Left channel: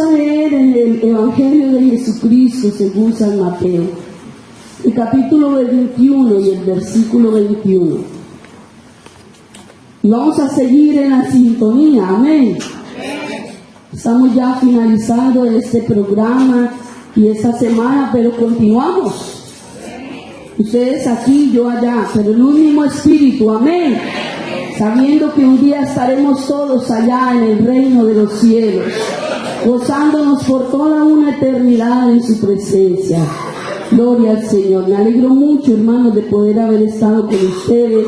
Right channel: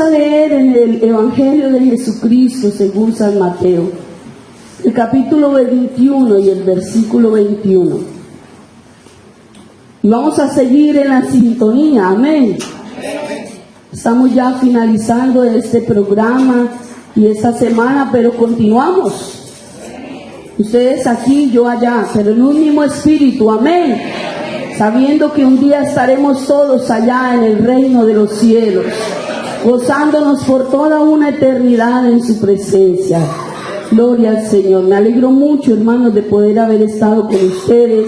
a leer en el Evangelio de Jesucristo según San Mateo, el capítulo 21 y el versículo 21. Y vamos a seguir en la sintonía, amén. Estamos ya finalizando este programa y esta semana, pero continuamos. Ustedes aquí, yo allá, pero en un mismo espíritu, amén. Sabiendo que un día estaremos todos allá en el reino de los cielos, gozándonos por toda una eternidad en su presencia. Gloria al Señor. Me alegro mucho, hermanos, de poder haber estado con ustedes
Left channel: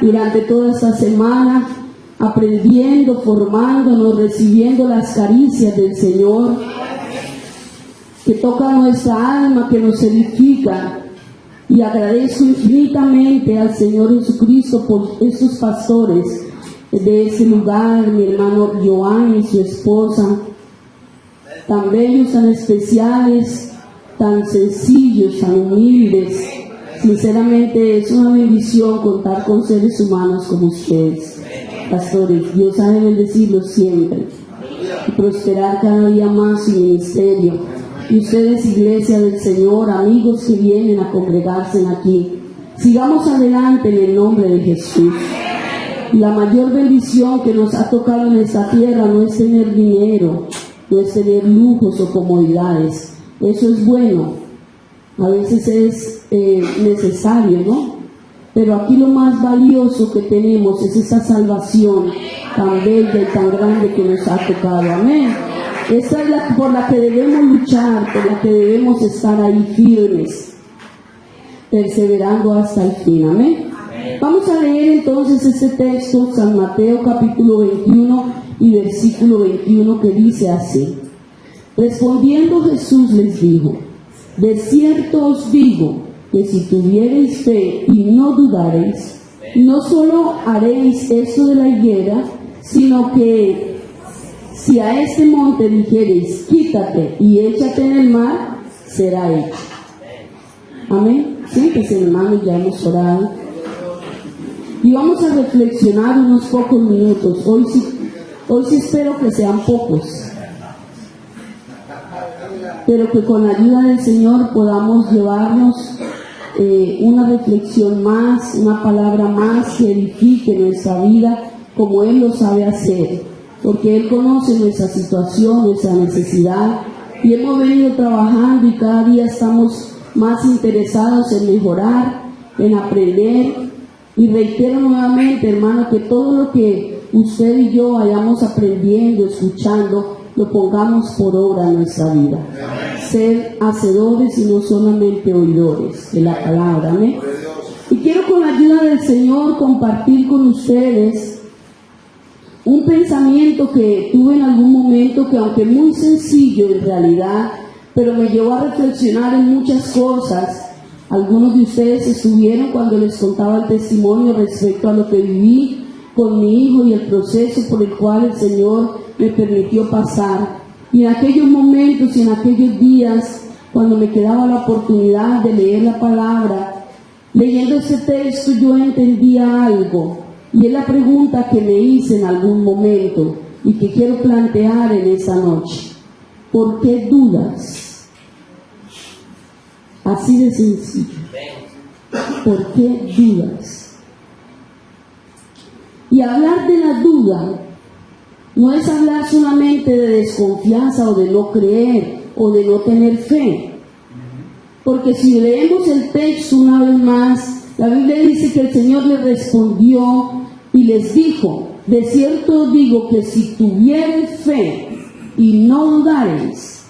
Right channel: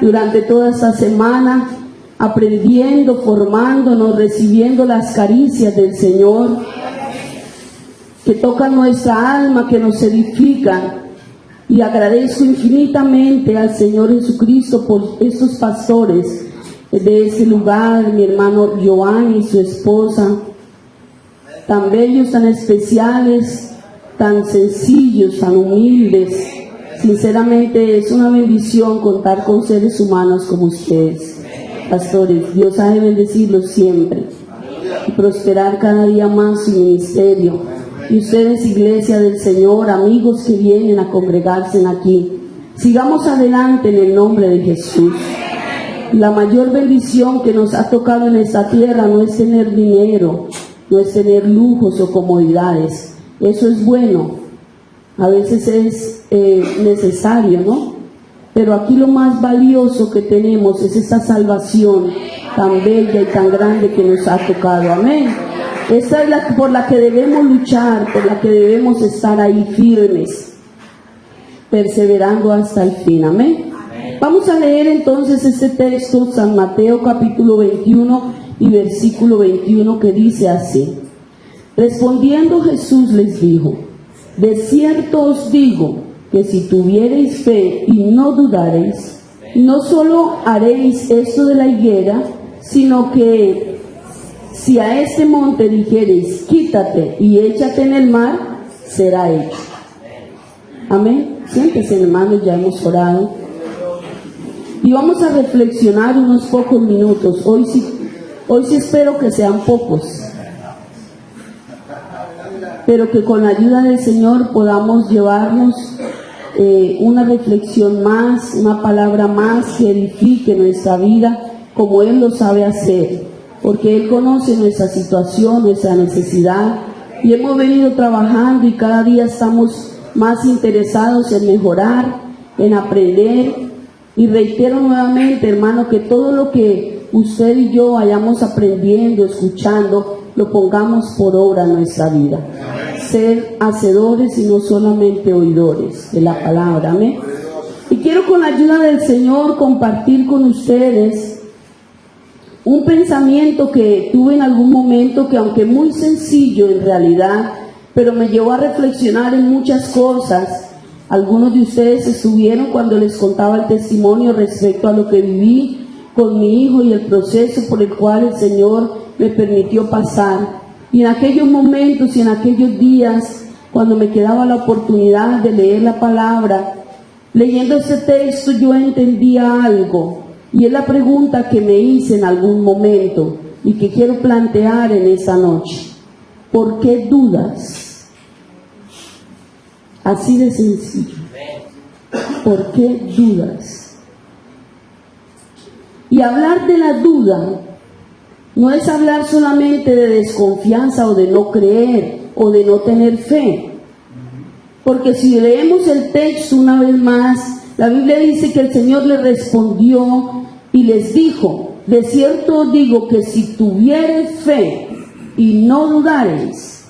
durante toda esta semana, aprendiendo, formándonos, recibiendo las caricias del Señor, que tocan nuestra alma, que nos edifican. Y agradezco infinitamente al Señor Jesucristo por estos pastores de este lugar, mi hermano Giovanni y su esposa, tan bellos, tan especiales, tan sencillos, tan humildes. Sinceramente es una bendición contar con seres humanos como ustedes, pastores. Dios ha de bendecirlos siempre y prosperar cada día más su ministerio. Y ustedes, iglesia del Señor, amigos que vienen a congregarse aquí, sigamos adelante en el nombre de Jesús. La mayor bendición que nos ha tocado en esta tierra no es tener dinero, no es tener lujos o comodidades. Eso es bueno, a veces es necesario, ¿no? Pero aquí lo más valioso que tenemos es esa salvación tan bella y tan grande que nos ha tocado, amén. Esta es la por la que debemos luchar, por la que debemos estar ahí firmes, perseverando hasta el fin, amén. Vamos a leer entonces este texto, San Mateo capítulo 21 y versículo 21, que dice así: respondiendo Jesús les dijo, de cierto os digo, que si tuviereis fe y no dudareis, no solo haréis esto de la higuera, sino que si a este monte dijereis, quítate y échate en el mar, será hecho. Amén. Siéntese, hermanos, ya hemos orado. Y vamos a reflexionar unos pocos minutos. Hoy sí espero que sean pocos, pero que con la ayuda del Señor podamos llevarnos una reflexión más, una palabra más que edifique nuestra vida como Él lo sabe hacer. Porque Él conoce nuestra situación, nuestra necesidad, y hemos venido trabajando y cada día estamos más interesados en mejorar, en aprender. Y reitero nuevamente, hermano, que todo lo que usted y yo vayamos aprendiendo, escuchando, lo pongamos por obra en nuestra vida. Ser hacedores y no solamente oidores de la palabra, amén. Y quiero con la ayuda del Señor compartir con ustedes un pensamiento que tuve en algún momento, que aunque muy sencillo en realidad, pero me llevó a reflexionar en muchas cosas. Algunos de ustedes estuvieron cuando les contaba el testimonio respecto a lo que viví con mi hijo y el proceso por el cual el Señor me permitió pasar. Y en aquellos momentos y en aquellos días, cuando me quedaba la oportunidad de leer la palabra, leyendo este texto yo entendía algo. Y es la pregunta que me hice en algún momento y que quiero plantear en esta noche. ¿Por qué dudas? Así de sencillo. ¿Por qué dudas? Y hablar de la duda no es hablar solamente de desconfianza o de no creer o de no tener fe. Porque si leemos el texto una vez más, la Biblia dice que el Señor le respondió y les dijo, de cierto os digo que si tuviereis fe y no dudareis.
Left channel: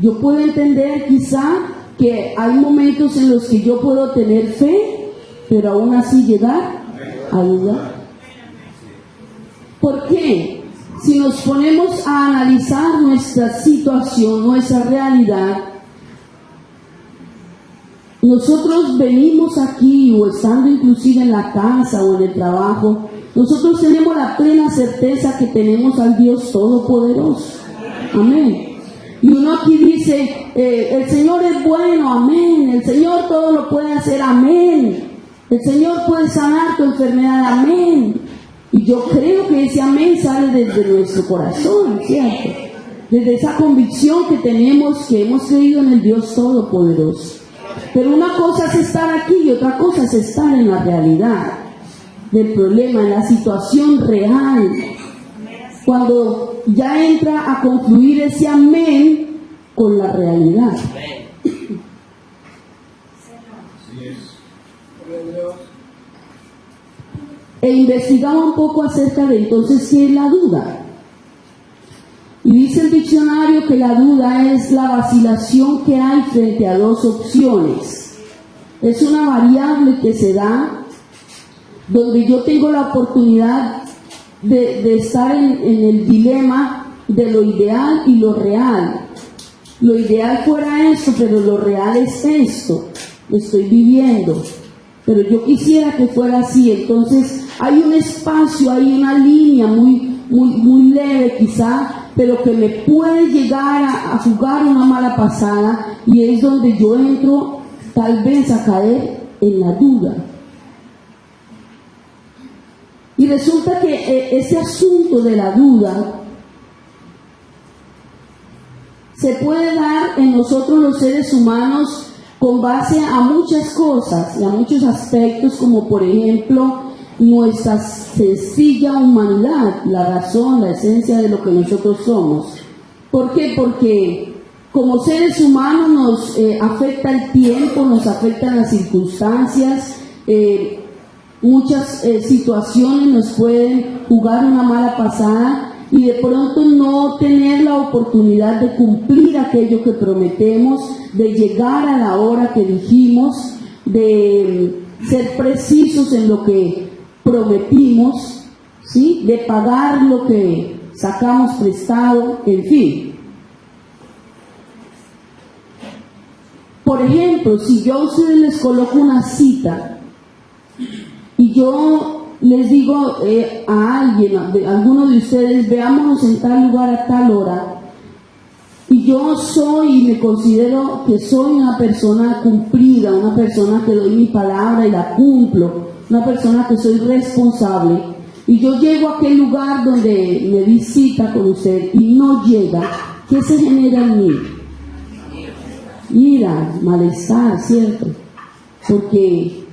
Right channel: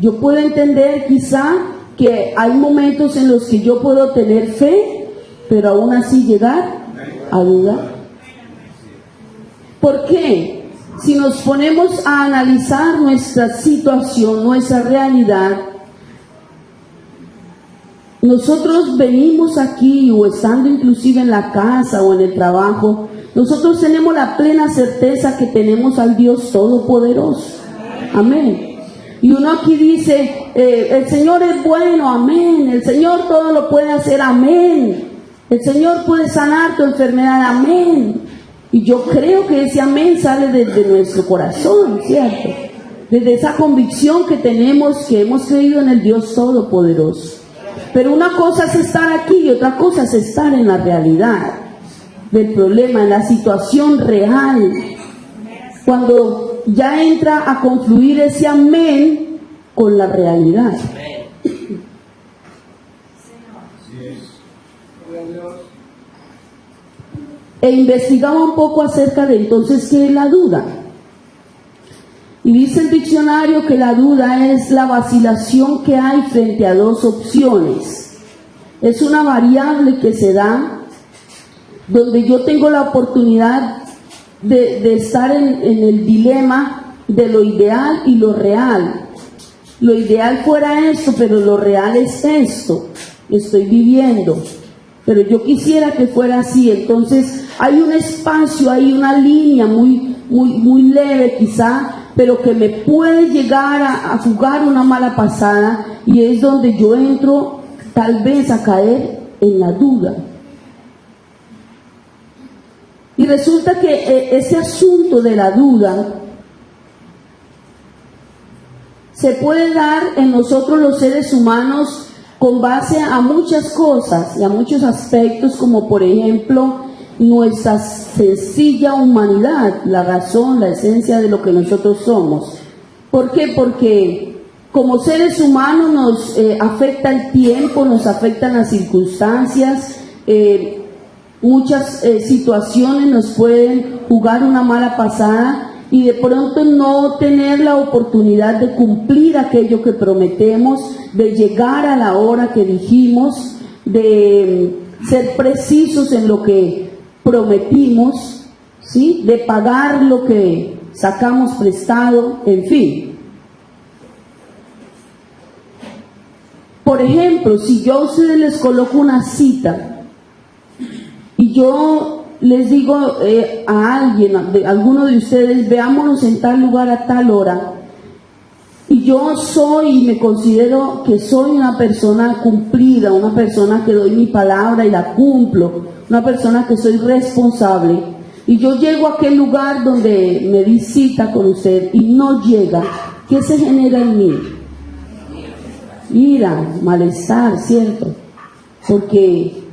Yo puedo entender quizá que hay momentos en los que yo puedo tener fe, pero aún así llegar a dudar. ¿Por qué? Si nos ponemos a analizar nuestra situación, nuestra realidad, nosotros venimos aquí o estando inclusive en la casa o en el trabajo, nosotros tenemos la plena certeza que tenemos al Dios Todopoderoso. Amén. Y uno aquí dice, el Señor es bueno, amén. El Señor todo lo puede hacer, amén. El Señor puede sanar tu enfermedad, amén. Y yo creo que ese amén sale desde nuestro corazón, ¿cierto? desde esa convicción que tenemos, que hemos creído en el Dios Todopoderoso. Pero una cosa es estar aquí y otra cosa es estar en la realidad del problema, en la situación real. Cuando ya entra a confluir ese amén con la realidad. E investigaba un poco acerca de entonces qué es la duda. Y dice el diccionario que la duda es la vacilación que hay frente a dos opciones. Es una variable que se da donde yo tengo la oportunidad de estar en el dilema de lo ideal y lo real. Lo ideal fuera esto, pero lo real es esto. Lo estoy viviendo. Pero yo quisiera que fuera así. Entonces hay un espacio, hay una línea muy leve quizá, pero que me puede llegar a jugar una mala pasada, y es donde yo entro tal vez a caer en la duda. Y resulta que ese asunto de la duda se puede dar en nosotros los seres humanos con base a muchas cosas y a muchos aspectos, como por ejemplo nuestra sencilla humanidad, la razón, la esencia de lo que nosotros somos. ¿Por qué? Porque como seres humanos nos afecta el tiempo, nos afectan las circunstancias, muchas situaciones nos pueden jugar una mala pasada, y de pronto no tener la oportunidad de cumplir aquello que prometemos, de llegar a la hora que dijimos, de ser precisos en lo que prometimos, ¿sí? De pagar lo que sacamos prestado, en fin. Por ejemplo, si yo a ustedes les coloco una cita y yo les digo a alguien, a alguno de ustedes, veámonos en tal lugar a tal hora, y yo soy y me considero que soy una persona cumplida, una persona que doy mi palabra y la cumplo, una persona que soy responsable, y yo llego a aquel lugar donde me di cita con usted y no llega, ¿qué se genera en mí? Ira, malestar, ¿cierto? Porque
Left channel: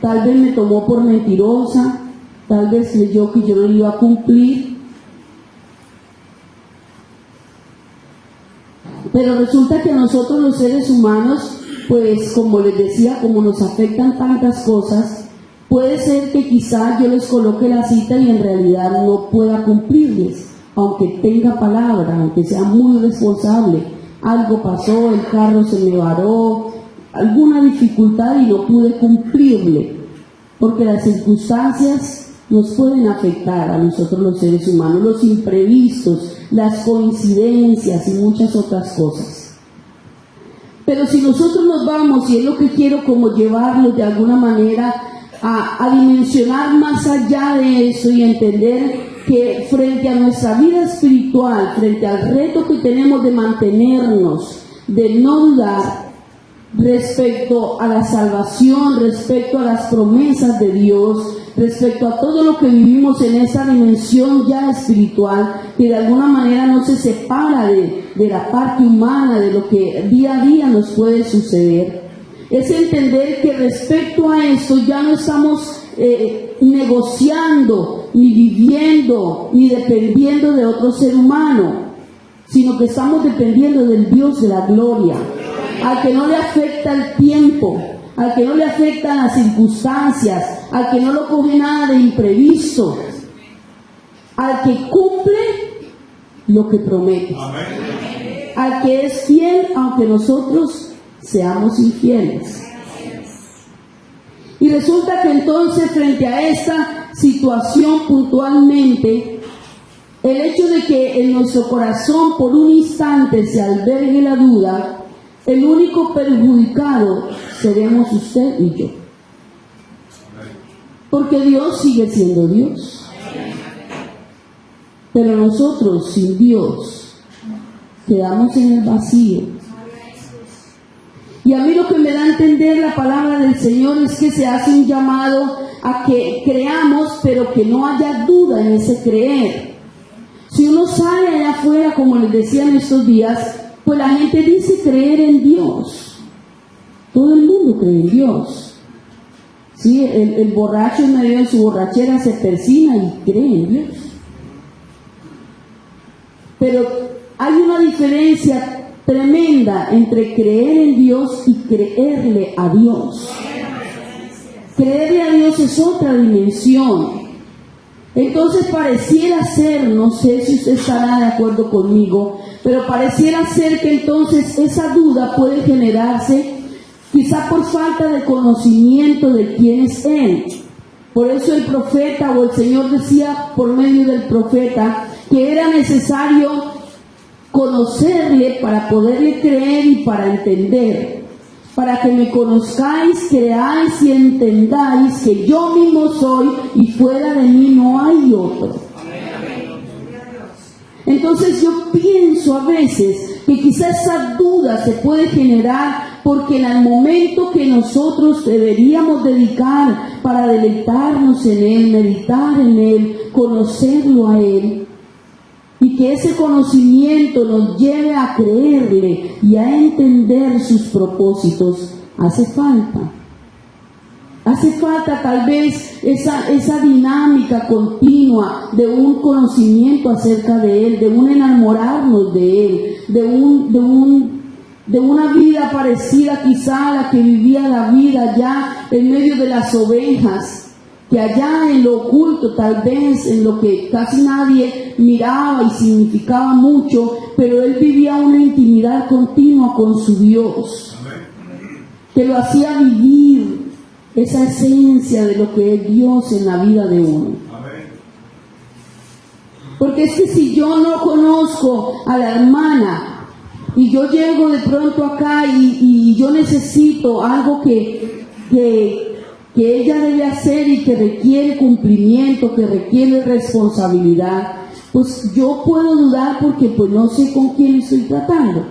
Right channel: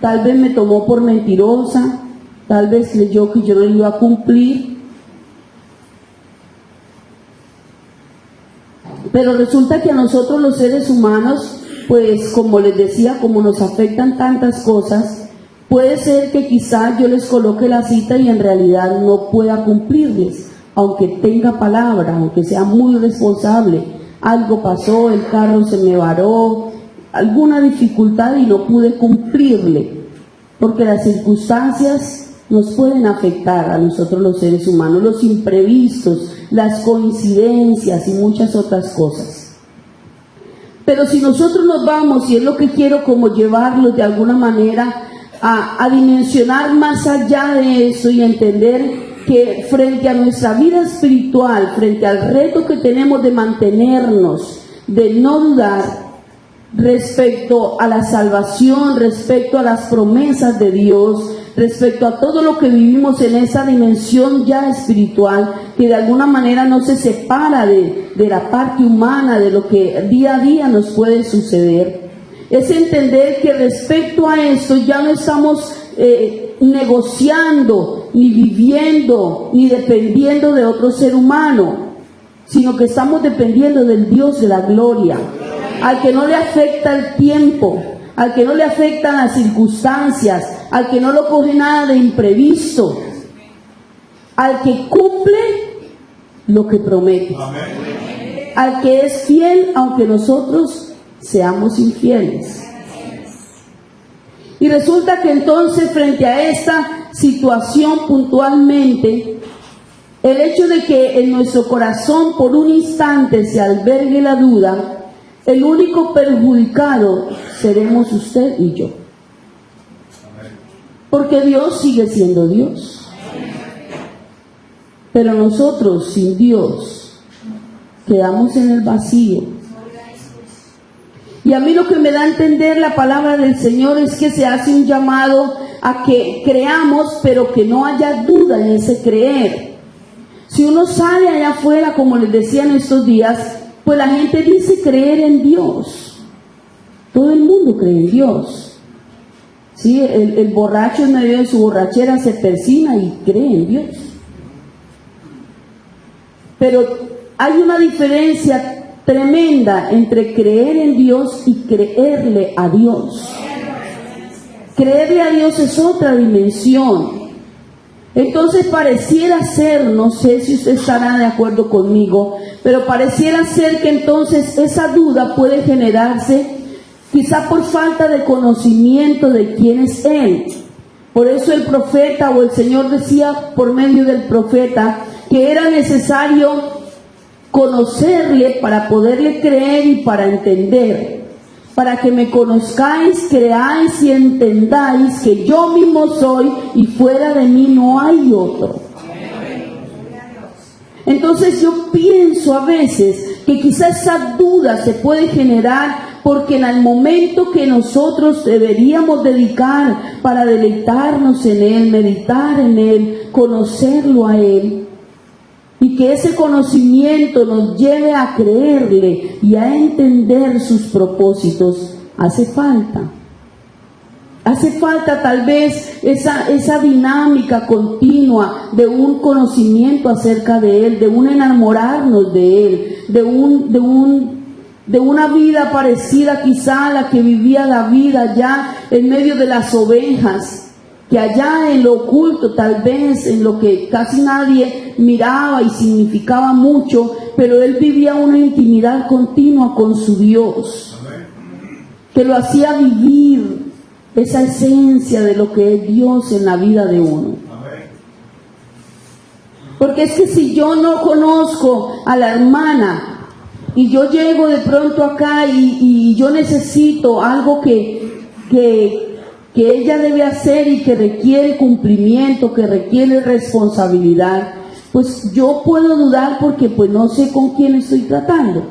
tal vez me tomó por mentirosa, tal vez creyó que yo no iba a cumplir. Pero resulta que a nosotros los seres humanos, pues como les decía, como nos afectan tantas cosas, puede ser que quizás yo les coloque la cita y en realidad no pueda cumplirles, aunque tenga palabra, aunque sea muy responsable. Algo pasó, el carro se me varó, alguna dificultad y no pude cumplirle, porque las circunstancias nos pueden afectar a nosotros los seres humanos, los imprevistos, las coincidencias y muchas otras cosas. Pero si nosotros nos vamos, y es lo que quiero como llevarlos de alguna manera a dimensionar más allá de eso y entender que frente a nuestra vida espiritual, frente al reto que tenemos de mantenernos, de no dudar respecto a la salvación, respecto a las promesas de Dios, respecto a todo lo que vivimos en esa dimensión ya espiritual, que de alguna manera no se separa de la parte humana, de lo que día a día nos puede suceder, es entender que respecto a esto ya no estamos negociando, ni viviendo, ni dependiendo de otro ser humano, sino que estamos dependiendo del Dios de la gloria, al que no le afecta el tiempo, al que no le afectan las circunstancias, al que no lo coge nada de imprevisto, al que cumple lo que promete, al que es fiel aunque nosotros seamos infieles. Y resulta que entonces, frente a esta situación puntualmente, el hecho de que en nuestro corazón por un instante se albergue la duda, el único perjudicado seremos usted y yo. Porque Dios sigue siendo Dios. Pero nosotros sin Dios quedamos en el vacío. Y a mí lo que me da a entender la palabra del Señor es que se hace un llamado a que creamos, pero que no haya duda en ese creer. Si uno sale allá afuera, como les decía en estos días, pues la gente dice creer en Dios. Todo el mundo cree en Dios. ¿Sí? El borracho en medio de su borrachera se persina y cree en Dios. Pero hay una diferencia tremenda entre creer en Dios y creerle a Dios. Creerle a Dios es otra dimensión. Entonces pareciera ser, no sé si usted estará de acuerdo conmigo, pero pareciera ser que entonces esa duda puede generarse quizá por falta de conocimiento de quién es Él. Por eso el profeta o el Señor decía por medio del profeta que era necesario conocerle para poderle creer y para entender. Para que me conozcáis, creáis y entendáis que yo mismo soy y fuera de mí no hay otro. Entonces yo pienso a veces que quizás esa duda se puede generar porque en el momento que nosotros deberíamos dedicar para deleitarnos en Él, meditar en Él, conocerlo a Él, y que ese conocimiento nos lleve a creerle y a entender sus propósitos, hace falta. Hace falta tal vez esa dinámica continua de un conocimiento acerca de Él, de un enamorarnos de Él, de una vida parecida quizá a la que vivía David allá en medio de las ovejas, que allá en lo oculto, tal vez en lo que casi nadie miraba y significaba mucho, pero él vivía una intimidad continua con su Dios, que lo hacía vivir esa esencia de lo que es Dios en la vida de uno. Porque es que si yo no conozco a la hermana y yo llego de pronto acá y yo necesito algo que ella debe hacer y que requiere cumplimiento, que requiere responsabilidad, pues yo puedo dudar porque pues no sé con quién estoy tratando,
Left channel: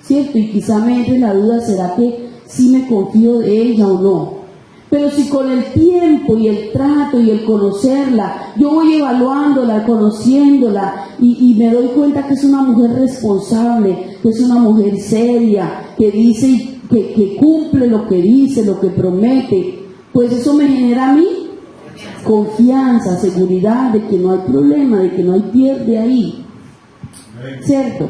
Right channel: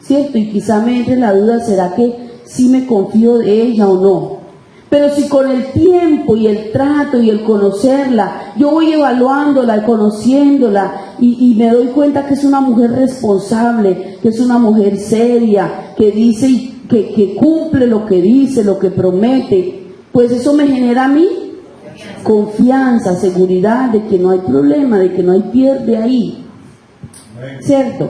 ¿cierto? Y quizá me entre la duda, ¿será que sí me confío de ella o no? Pero si con el tiempo y el trato y el conocerla, yo voy evaluándola y conociéndola y me doy cuenta que es una mujer responsable, que es una mujer seria, que dice, que cumple lo que dice, lo que promete, pues eso me genera a mí confianza, seguridad de que no hay problema, de que no hay pierde ahí, ¿cierto?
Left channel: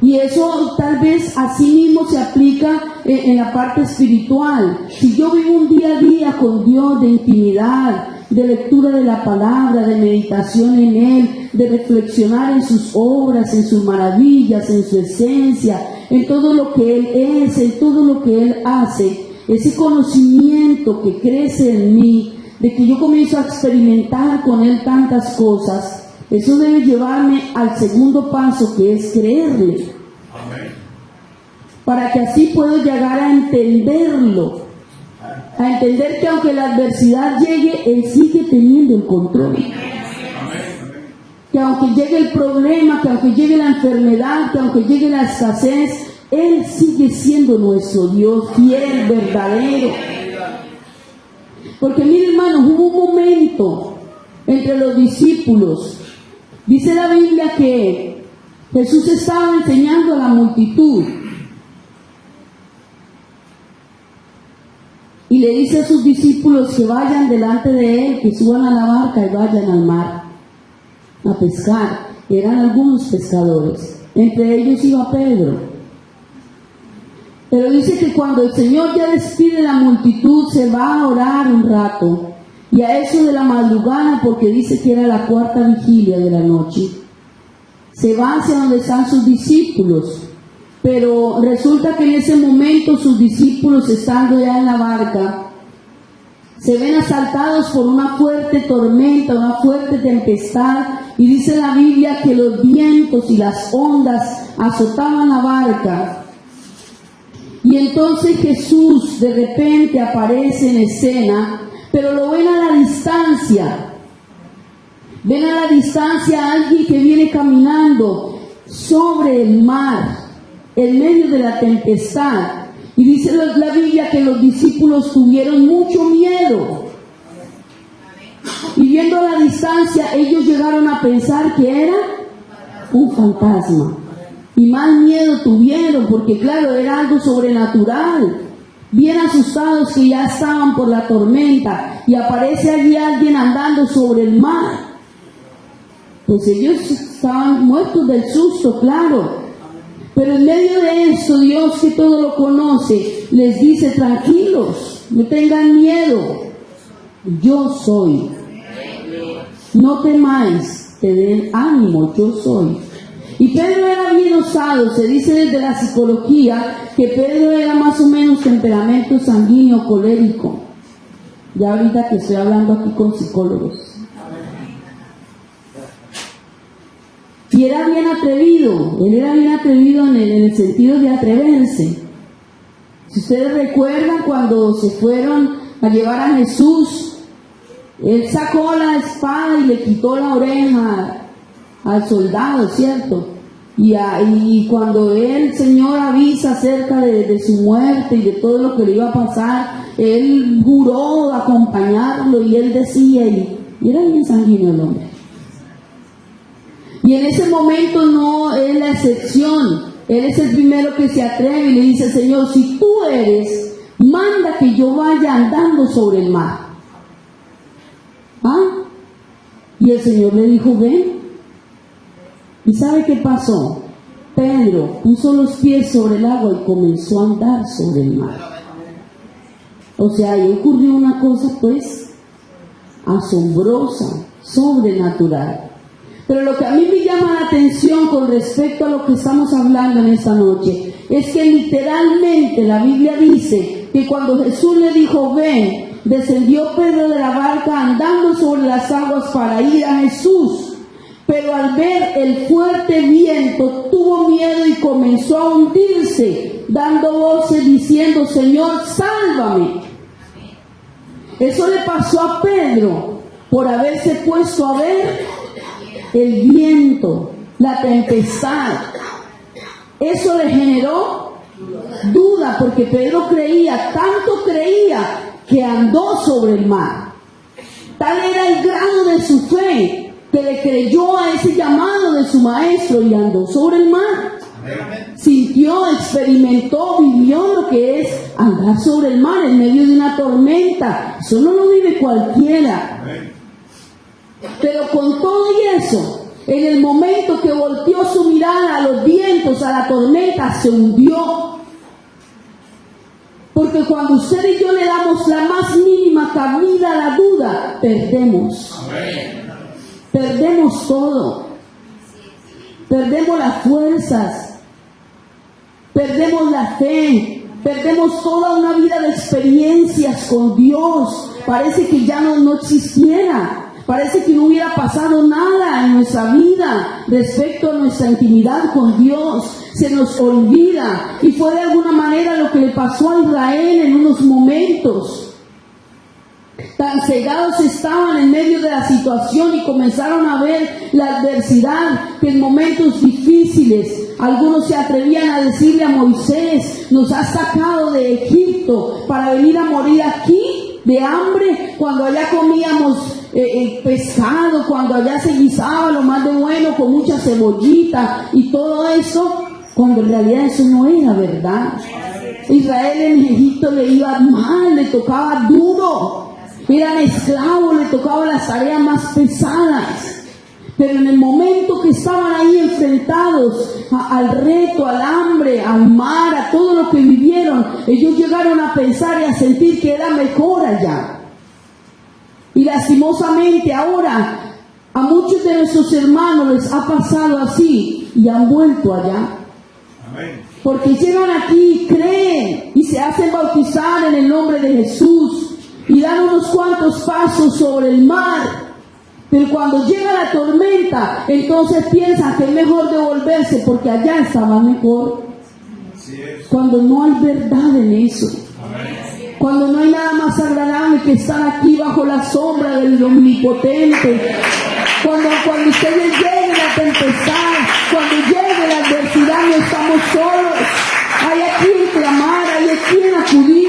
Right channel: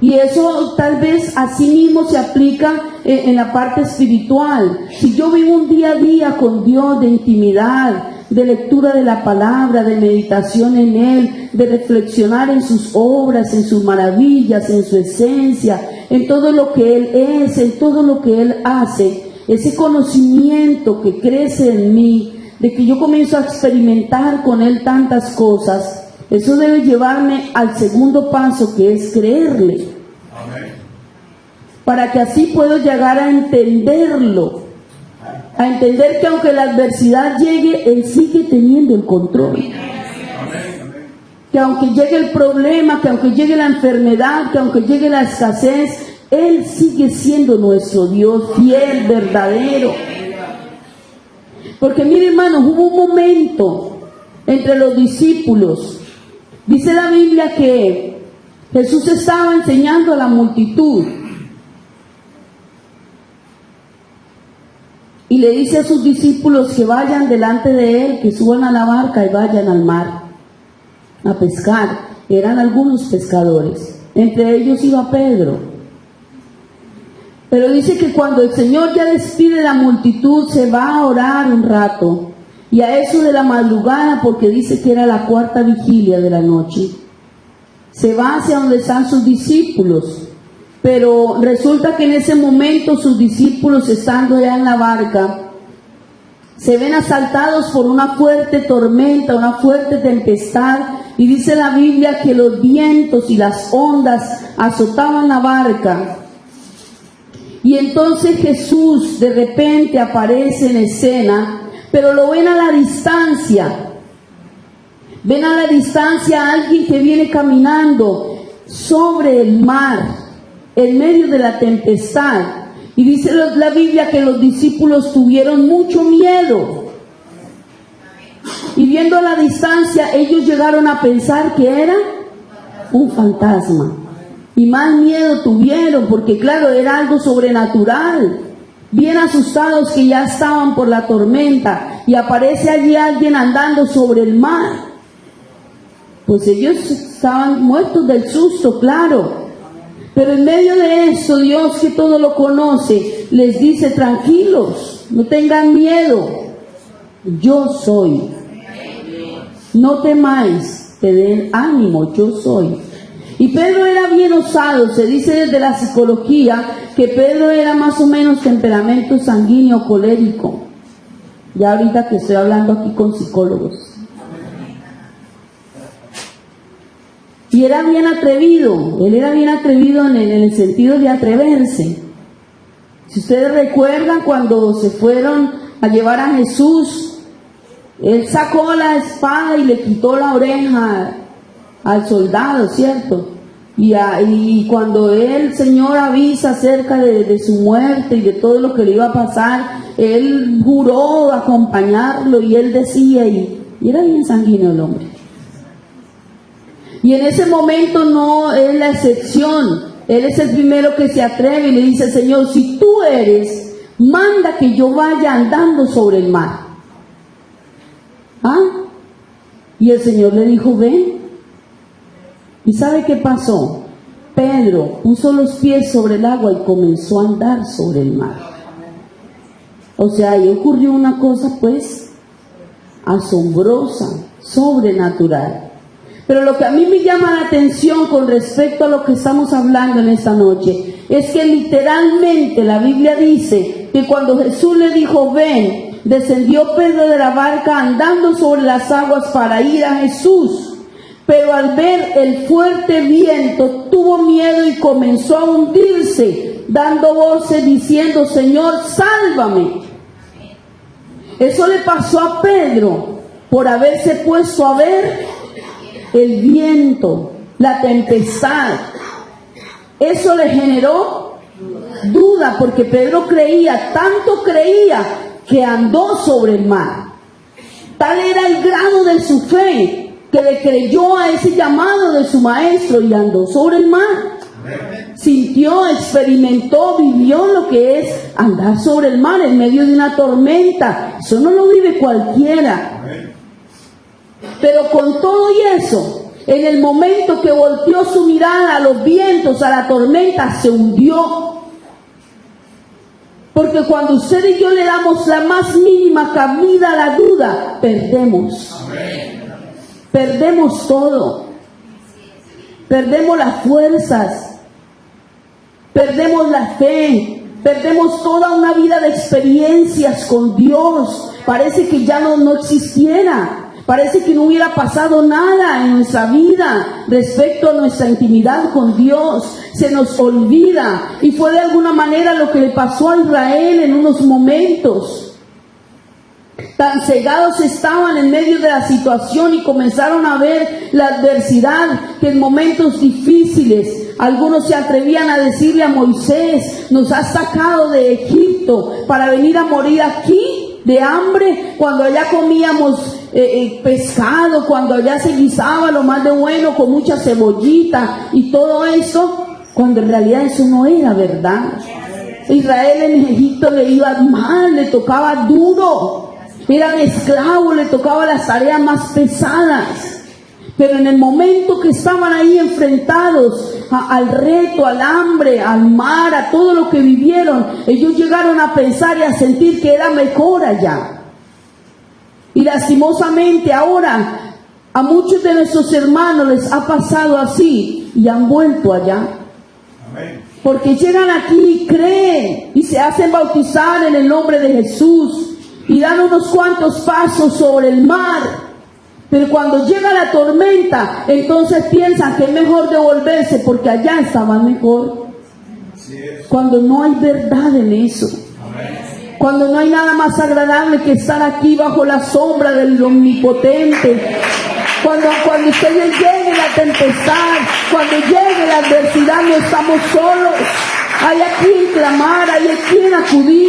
Y eso tal vez así mismo se aplica en la parte espiritual. Si yo vivo un día a día con Dios de intimidad, de lectura de la palabra, de meditación en Él, de reflexionar en sus obras, en sus maravillas, en su esencia, en todo lo que Él es, en todo lo que Él hace, ese conocimiento que crece en mí, de que yo comienzo a experimentar con Él tantas cosas, eso debe llevarme al segundo paso, que es creerle. Amén. Para que así puedo llegar a entenderlo, a entender que aunque la adversidad llegue, Él sigue teniendo el control. Amén. Que aunque llegue el problema, que aunque llegue la enfermedad, que aunque llegue la escasez, Él sigue siendo nuestro Dios fiel, verdadero. Porque mire, hermanos, hubo un momento entre los discípulos. Dice la Biblia que Jesús estaba enseñando a la multitud y le dice a sus discípulos que vayan delante de Él, que suban a la barca y vayan al mar a pescar. Eran algunos pescadores, entre ellos iba Pedro. Pero dice que cuando el Señor ya despide la multitud, se va a orar un rato. Y a eso de la madrugada, porque dice que era la cuarta vigilia de la noche, se va hacia donde están sus discípulos. Pero resulta que en ese momento sus discípulos, estando ya en la barca, se ven asaltados por una fuerte tormenta, una fuerte tempestad. Y dice la Biblia que los vientos y las ondas azotaban la barca. Y entonces Jesús de repente aparece en escena, pero lo ven a la distancia. Ven a la distancia a alguien que viene caminando sobre el mar, en medio de la tempestad. Y dice la Biblia que los discípulos tuvieron mucho miedo. Y viendo a la distancia, ellos llegaron a pensar que era un fantasma. Y más miedo tuvieron, porque claro, era algo sobrenatural. Bien asustados que ya estaban por la tormenta, y aparece allí alguien andando sobre el mar. Pues ellos estaban muertos del susto, claro. Pero en medio de eso, Dios, que todo lo conoce, les dice: tranquilos, no tengan miedo, yo soy. No temáis, te den ánimo, yo soy. Y Pedro era bien osado. Se dice desde la psicología que Pedro era más o menos temperamento sanguíneo, colérico. Ya ahorita que estoy hablando aquí con psicólogos. Y era bien atrevido. Él era bien atrevido en el sentido de atreverse. Si ustedes recuerdan, cuando se fueron a llevar a Jesús, él sacó la espada y le quitó la oreja al soldado, ¿cierto? Y cuando el Señor avisa acerca de su muerte y de todo lo que le iba a pasar, él juró acompañarlo, y él decía, y era bien sanguíneo el hombre. Y en ese momento no es la excepción. Él es el primero que se atreve y le dice: Señor, si tú eres, manda que yo vaya andando sobre el mar. ¿Ah? Y el Señor le dijo: ven. ¿Y sabe qué pasó? Pedro puso los pies sobre el agua y comenzó a andar sobre el mar. O sea, ahí ocurrió una cosa pues asombrosa, sobrenatural. Pero lo que a mí me llama la atención con respecto a lo que estamos hablando en esta noche es que literalmente la Biblia dice que cuando Jesús le dijo: ven, descendió Pedro de la barca andando sobre las aguas para ir a Jesús. Pero al ver el fuerte viento tuvo miedo y comenzó a hundirse, dando voces diciendo: Señor, sálvame. Eso le pasó a Pedro por haberse puesto a ver el viento, la tempestad. Eso le generó duda, porque Pedro creía, tanto creía, que andó sobre el mar. Tal era el grado de su fe, que le creyó a ese llamado de su maestro y andó sobre el mar. Sintió, experimentó, vivió lo que es andar sobre el mar en medio de una tormenta. Eso no lo vive cualquiera. Pero con todo y eso, en el momento que volteó su mirada a los vientos, a la tormenta, se hundió. Porque cuando usted y yo le damos la más mínima cabida a la duda, perdemos. Perdemos todo. Perdemos las fuerzas. Perdemos la fe. Perdemos toda una vida de experiencias con Dios. Parece que ya no existiera. Parece que no hubiera pasado nada en nuestra vida respecto a nuestra intimidad con Dios. Se nos olvida. Y fue de alguna manera lo que le pasó a Israel en unos momentos. Tan cegados estaban en medio de la situación y comenzaron a ver la adversidad, que en momentos difíciles algunos se atrevían a decirle a Moisés: nos has sacado de Egipto para venir a morir aquí de hambre, cuando allá comíamos pescado, cuando allá se guisaba lo más de bueno con mucha cebollita y todo eso, cuando en realidad eso no era verdad. Israel en Egipto le iba mal, le tocaba duro. Eran esclavos, le tocaba las tareas más pesadas. Pero en el momento que estaban ahí enfrentados al reto, al hambre, al mar, a todo lo que vivieron, ellos llegaron a pensar y a sentir que era mejor allá. Y lastimosamente ahora a muchos de nuestros hermanos les ha pasado así y han vuelto allá. Porque llegan aquí y creen y se hacen bautizar en el nombre de Jesús y dan unos cuantos pasos sobre el mar, pero cuando llega la tormenta, entonces piensan que es mejor devolverse porque allá estaban mejor. Cuando no hay verdad en eso, cuando no hay nada más agradable que estar aquí bajo la sombra del Omnipotente, cuando ustedes lleguen la tempestad, cuando llegue la adversidad, no estamos solos. Hay a quien clamar, hay a quien acudir.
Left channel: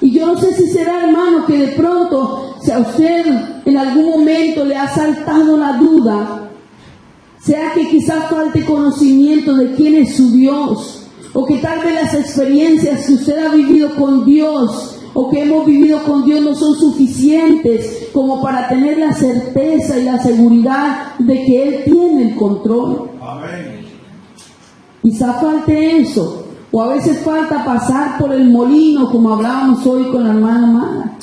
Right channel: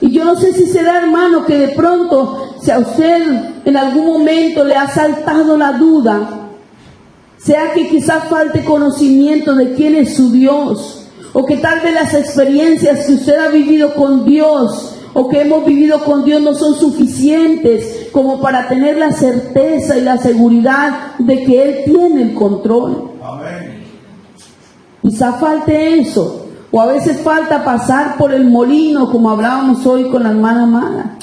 Y yo no sé si será, hermano, a usted en algún momento le ha saltado la duda, sea que quizás falte conocimiento de quién es su Dios, o que tal vez las experiencias que usted ha vivido con Dios o que hemos vivido con Dios no son suficientes como para tener la certeza y la seguridad de que Él tiene el control. Amén. Quizá falte eso, o a veces falta pasar por el molino, como hablábamos hoy con la hermana Mara.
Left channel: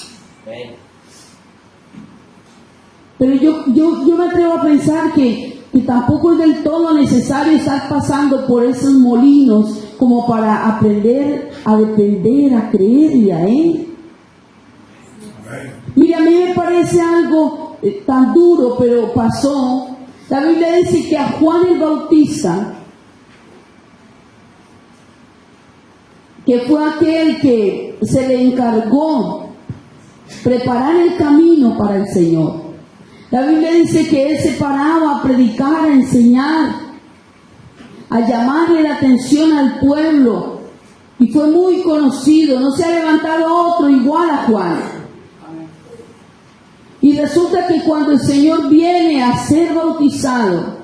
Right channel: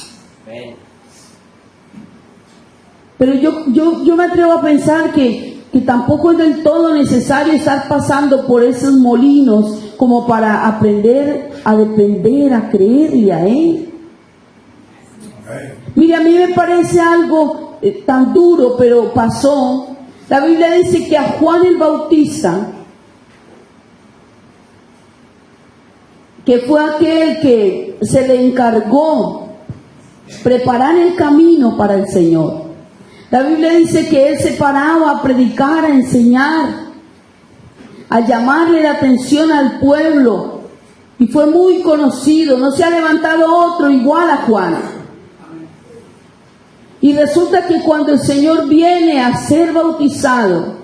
Pero yo me atrevo a pensar que tampoco es del todo necesario estar pasando por esos molinos como para aprender a depender, a creerle a Él. Mira, a mí me parece algo tan duro, pero pasó. La Biblia dice que a Juan el Bautista, que fue aquel que se le encargó preparar el camino para el Señor, la Biblia dice que él se paraba a predicar, a enseñar, a llamarle la atención al pueblo, y fue muy conocido. No se ha levantado otro igual a Juan. Y resulta que cuando el Señor viene a ser bautizado,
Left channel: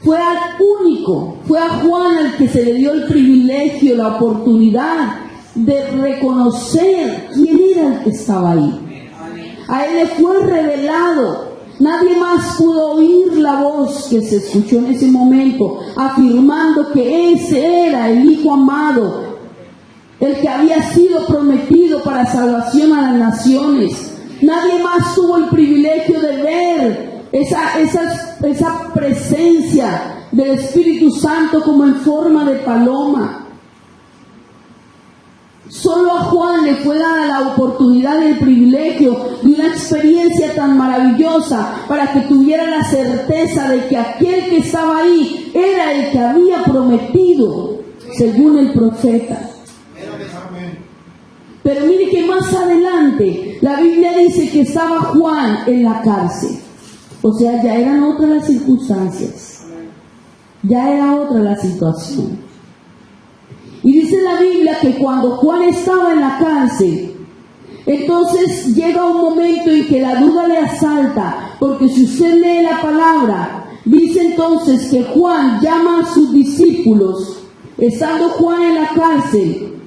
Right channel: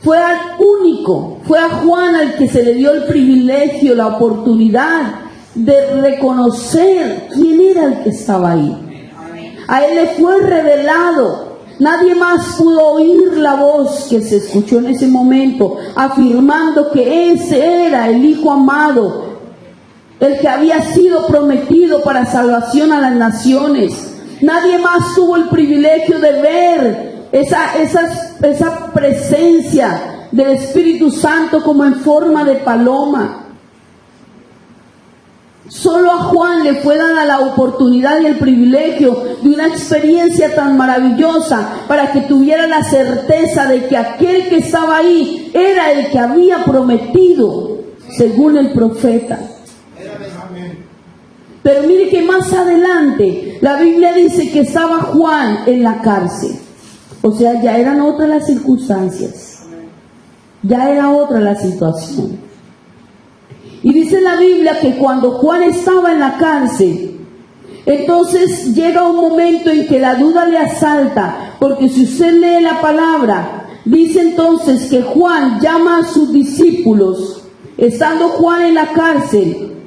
fue al único, fue a Juan al que se le dio el privilegio, la oportunidad de reconocer quién era el que estaba ahí. A él le fue revelado. Nadie más pudo oír la voz que se escuchó en ese momento, afirmando que ese era el Hijo amado, el que había sido prometido para salvación a las naciones. Nadie más tuvo el privilegio de ver esa presencia del Espíritu Santo como en forma de paloma. Solo a Juan le fue dada la oportunidad y el privilegio de una experiencia tan maravillosa para que tuviera la certeza de que aquel que estaba ahí era el que había prometido, según el profeta. Pero mire que más adelante la Biblia dice que estaba Juan en la cárcel. O sea, ya eran otras las circunstancias, ya era otra la situación. Y dice la Biblia que cuando Juan estaba en la cárcel, entonces llega un momento en que la duda le asalta, porque si usted lee la palabra, dice entonces que Juan llama a sus discípulos, estando Juan en la cárcel,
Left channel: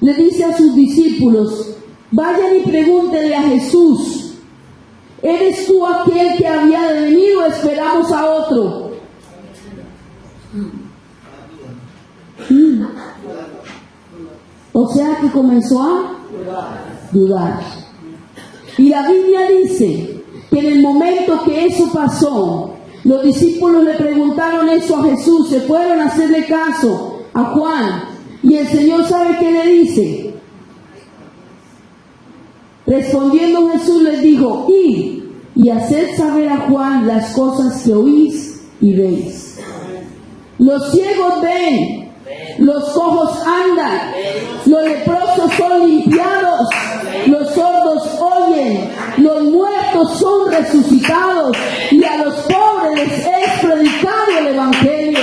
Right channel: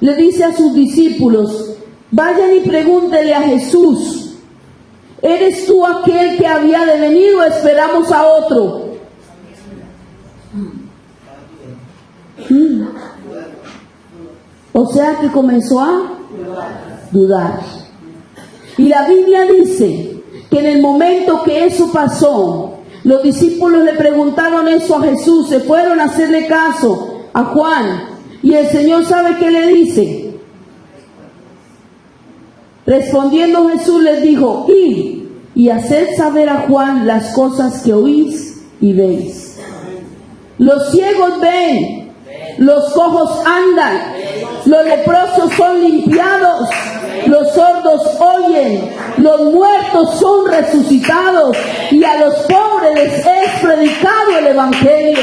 le dice a sus discípulos: vayan y pregúntenle a Jesús, ¿eres tú aquel que había de venir o esperamos a otro? O sea que comenzó a dudar. Y la Biblia dice que en el momento que eso pasó, los discípulos le preguntaron eso a Jesús, se fueron a hacerle caso a Juan, y el Señor sabe qué le dice. Respondiendo Jesús les dijo: id y haced saber a Juan las cosas que oís y veis. Los ciegos ven, los cojos andan, los leprosos son limpiados, los sordos oyen, los muertos son resucitados, y a los pobres les es predicado el Evangelio.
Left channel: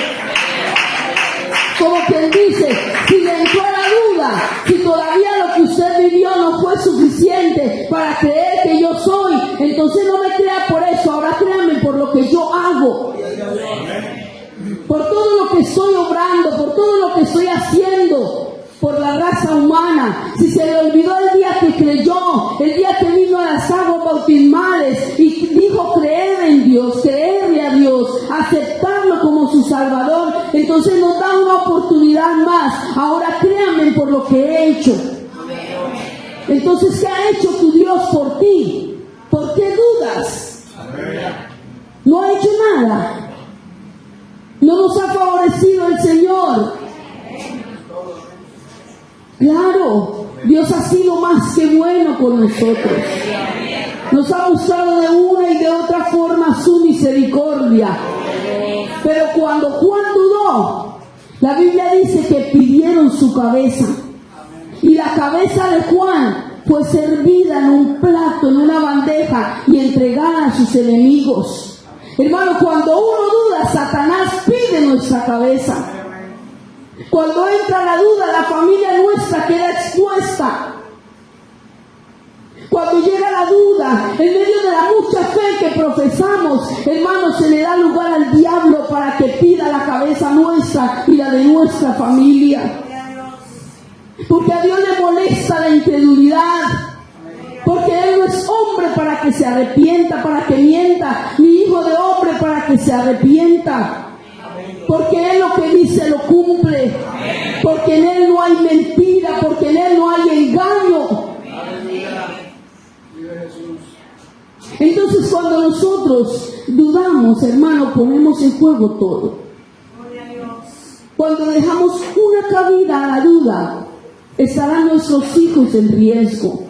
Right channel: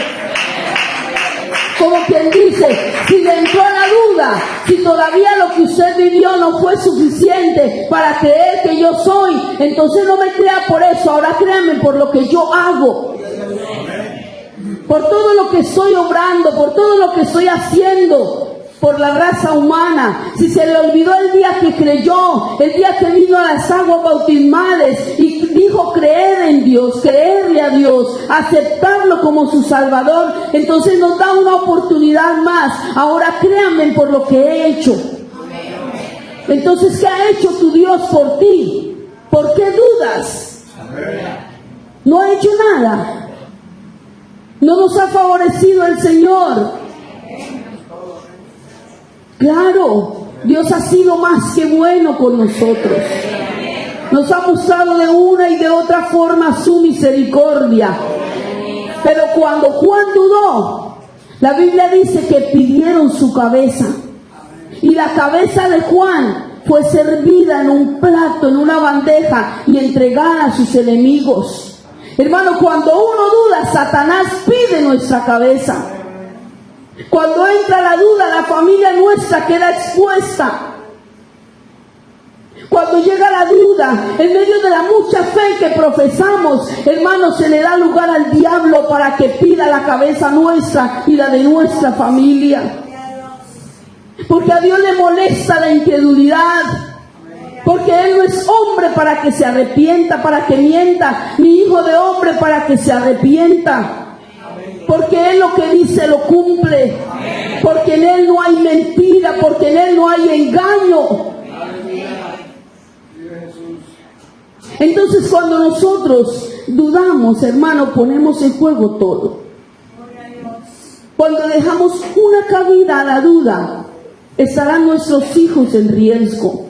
Como quien dice, si le entró la duda, si todavía lo que usted vivió no fue suficiente para creer que yo soy, entonces no me crea por eso, ahora créame por lo que yo hago, por todo lo que estoy obrando, por todo lo que estoy haciendo por la raza humana. Si se le olvidó el día que creyó, el día que vino a las aguas bautismales y dijo creer en Dios, creerle a Dios, aceptarlo como su Salvador, entonces nos da una oportunidad más. Ahora créanme por lo que he hecho. Entonces, ¿qué ha hecho tu Dios por ti? ¿Por qué dudas? No ha hecho nada. No nos ha favorecido el Señor. Claro, Dios ha sido más que bueno con nosotros. Nos ha mostrado de una y de otra forma su misericordia. Pero cuando Juan dudó, la Biblia dice que pidieron su cabeza. Y la cabeza de Juan fue servida en un plato, en una bandeja, y entregada a sus enemigos. Hermano, cuando uno duda, Satanás pide nuestra cabeza. Cuando entra la duda, la familia nuestra queda expuesta. Cuando llega la duda, en medio de la mucha fe que profesamos, hermanos, se le da lugar al diablo para que pida la cabeza nuestra y la de nuestra familia. Porque a Dios le molesta la incredulidad. Porque Él no es hombre para que se arrepienta, para que mienta, ni hijo de hombre para que se arrepienta. Porque Él lo que dice lo cumple. Porque en Él no hay mentira, porque en Él no hay engaño. Entonces cuando nosotros dudamos, hermano, ponemos en juego todo. Cuando dejamos una cabida a la duda, estarán nuestros hijos en riesgo.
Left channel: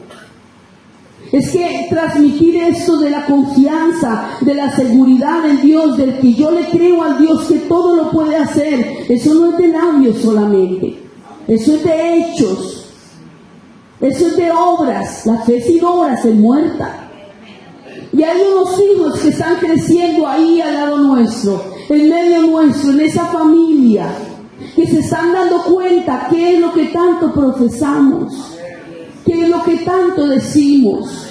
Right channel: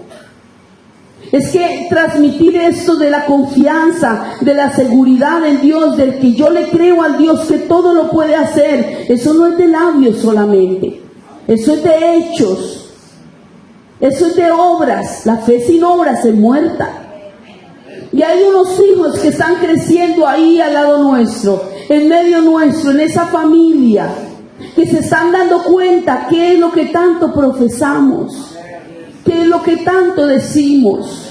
Es que transmitir esto de la confianza, de la seguridad en Dios, del que yo le creo al Dios que todo lo puede hacer, eso no es de labios solamente, eso es de hechos, eso es de obras. La fe sin obras es muerta. Y hay unos hijos que están creciendo ahí al lado nuestro, en medio nuestro, en esa familia, que se están dando cuenta qué es lo que tanto profesamos, qué es lo que tanto decimos.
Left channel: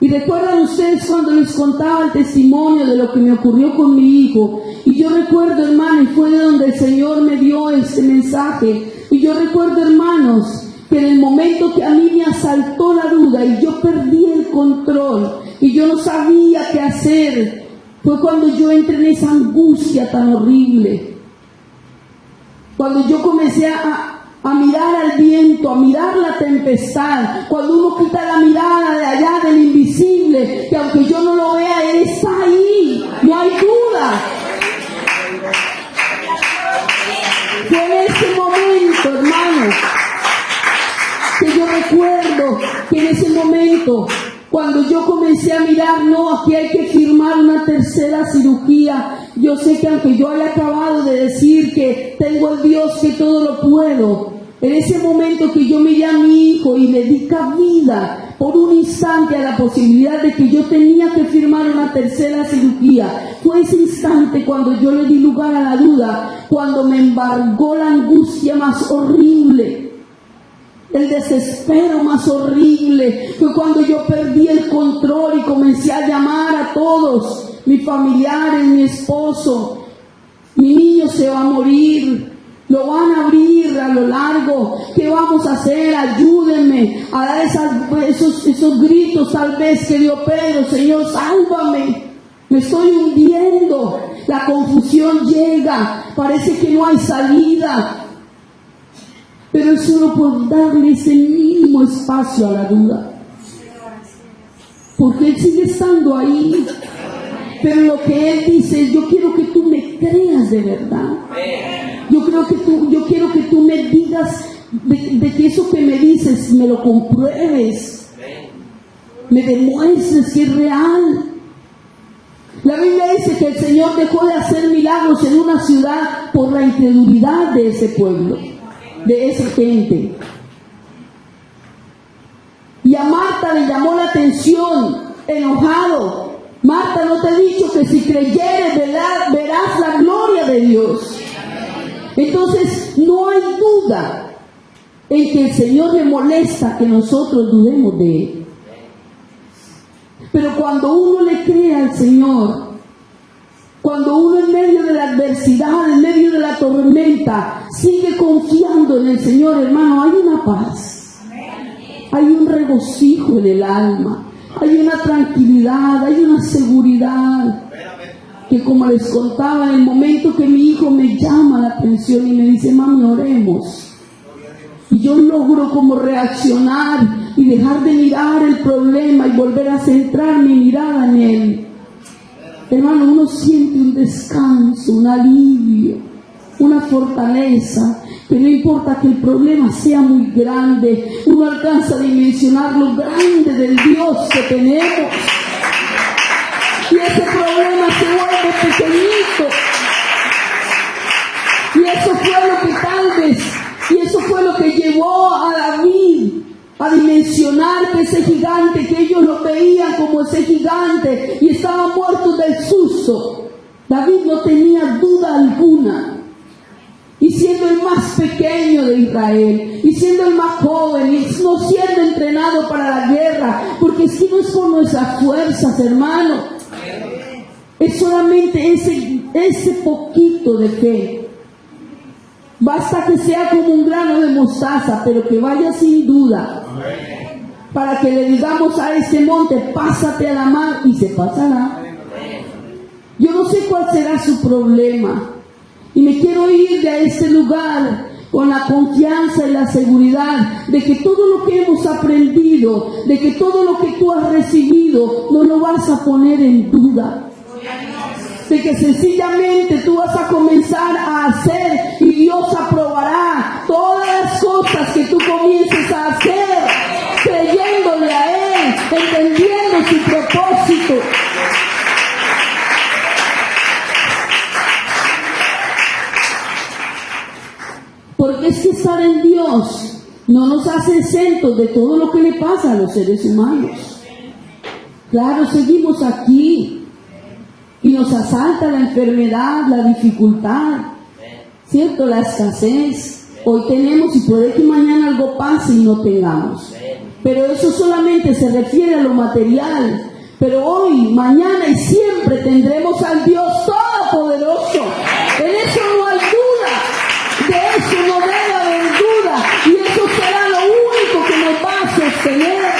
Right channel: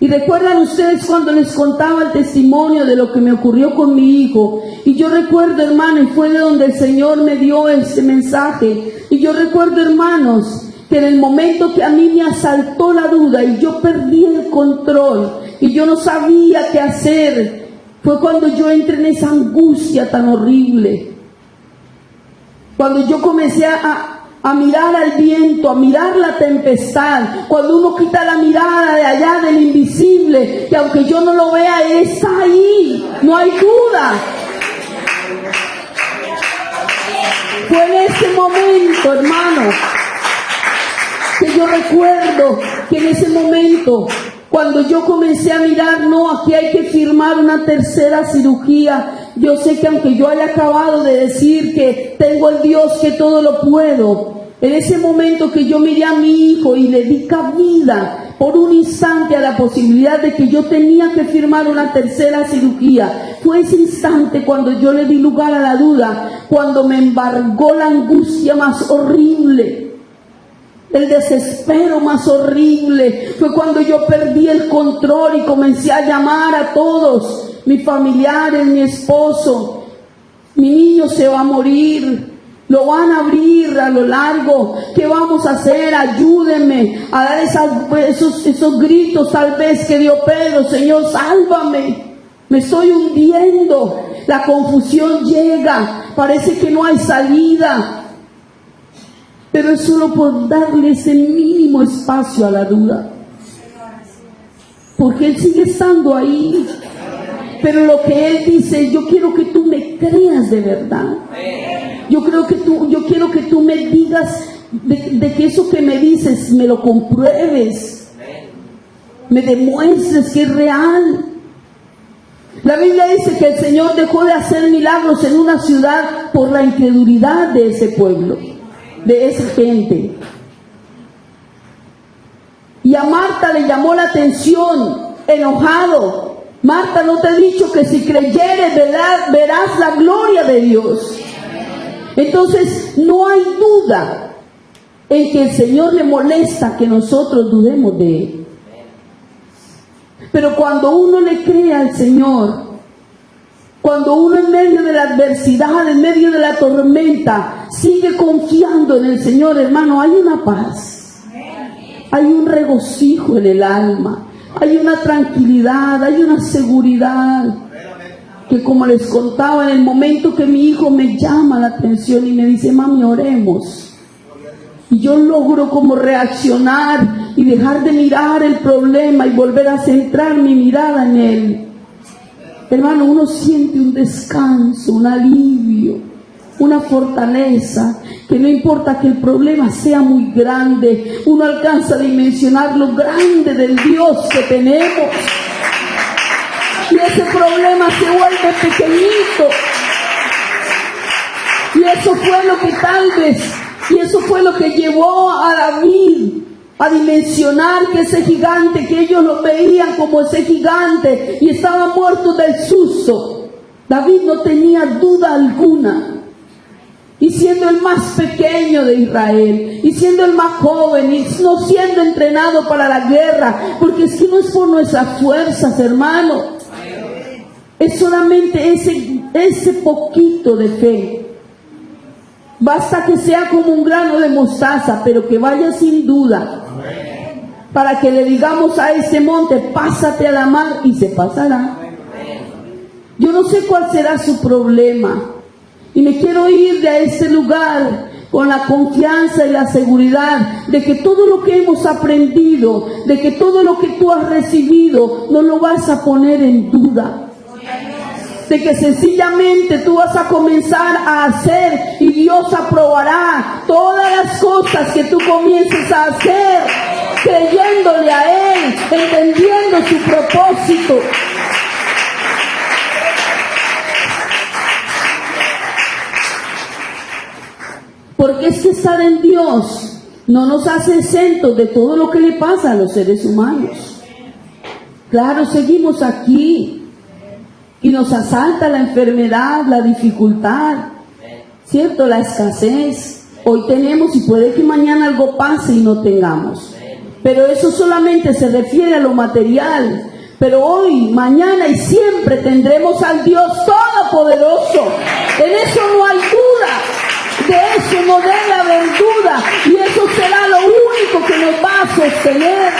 Y recuerdan ustedes cuando les contaba el testimonio de lo que me ocurrió con mi hijo. Y yo recuerdo, hermano, y fue de donde el Señor me dio este mensaje. Y yo recuerdo, hermanos, que en el momento que a mí me asaltó la duda y yo perdí el control y yo no sabía qué hacer, fue cuando yo entré en esa angustia tan horrible. Cuando yo comencé a mirar al viento, a mirar la tempestad, cuando uno quita la mirada de allá del invisible, que aunque yo no lo vea, Él está ahí, no hay duda. Fue en ese momento, hermano, que yo recuerdo que en ese momento, cuando yo comencé a mirar, no, aquí hay que firmar una tercera cirugía. Yo sé que aunque yo haya acabado de decir que tengo el Dios que todo lo puedo, en ese momento que yo miré a mi hijo y le di cabida por un instante a la posibilidad de que yo tenía que firmar una tercera cirugía, fue ese instante cuando yo le di lugar a la duda, cuando me embargó la angustia más horrible. El desespero más horrible fue cuando yo perdí el control y comencé a llamar a todos, mis familiares, mi esposo. Mi niño se va a morir, lo van a abrir a lo largo. ¿Qué vamos a hacer? Ayúdenme a dar esos gritos tal vez que dio Pedro: Señor, sálvame, me estoy hundiendo. La confusión llega, parece que no hay salida. Pero es solo por darle ese mínimo espacio a la duda. Porque Él sigue estando ahí. Pero lo que Él dice, yo quiero que tú me creas de verdad. Yo quiero que tú me digas de que eso que me dices, me lo compruebes. Me demuestres que es real. La Biblia dice que el Señor dejó de hacer milagros en una ciudad por la incredulidad de ese pueblo, de esa gente. Y a Marta le llamó la atención, enojado: Marta, ¿no te he dicho que si creyeres verás la gloria de Dios? Entonces no hay duda en que el Señor le molesta que nosotros dudemos de Él. Pero cuando uno le cree al Señor, cuando uno en medio de la adversidad, en medio de la tormenta, sigue confiando en el Señor, hermano, hay una paz, hay un regocijo en el alma, hay una tranquilidad, hay una seguridad. Que como les contaba, en el momento que mi hijo me llama la atención y me dice: mami, oremos, y yo logro como reaccionar y dejar de mirar el problema y volver a centrar mi mirada en Él, hermano, uno siente un descanso, un alivio, una fortaleza, que no importa que el problema sea muy grande, uno alcanza a dimensionar lo grande del Dios que tenemos, y ese problema se vuelve pequeñito. Y eso fue lo que tal vez, y eso fue lo que llevó a David a dimensionar que ese gigante, que ellos lo veían como ese gigante y estaban muertos del susto, David no tenía duda alguna. Y siendo el más pequeño, medio de Israel, y siendo el más joven, y no siendo entrenado para la guerra, porque es que no es por nuestras fuerzas, hermano, es solamente ese poquito de fe. Basta que sea como un grano de mostaza, pero que vaya sin duda, para que le digamos a ese monte, pásate a la mar, y se pasará. Yo no sé cuál será su problema, y me quiero ir de este lugar con la confianza y la seguridad de que todo lo que hemos aprendido, de que todo lo que tú has recibido, no lo vas a poner en duda. De que sencillamente tú vas a comenzar a hacer y Dios aprobará todas las cosas que tú comiences a hacer, creyéndole a Él, entendiendo su propósito. Porque es que estar en Dios no nos hace exentos de todo lo que le pasa a los seres humanos. Claro, seguimos aquí y nos asalta la enfermedad, la dificultad, ¿cierto? La escasez. Hoy tenemos y puede que mañana algo pase y no tengamos. Pero eso solamente se refiere a lo material. Pero hoy, mañana y siempre tendremos al Dios Todopoderoso. En eso no hay duda. De eso no debe haber duda. Y eso será lo único que nos va a sostener.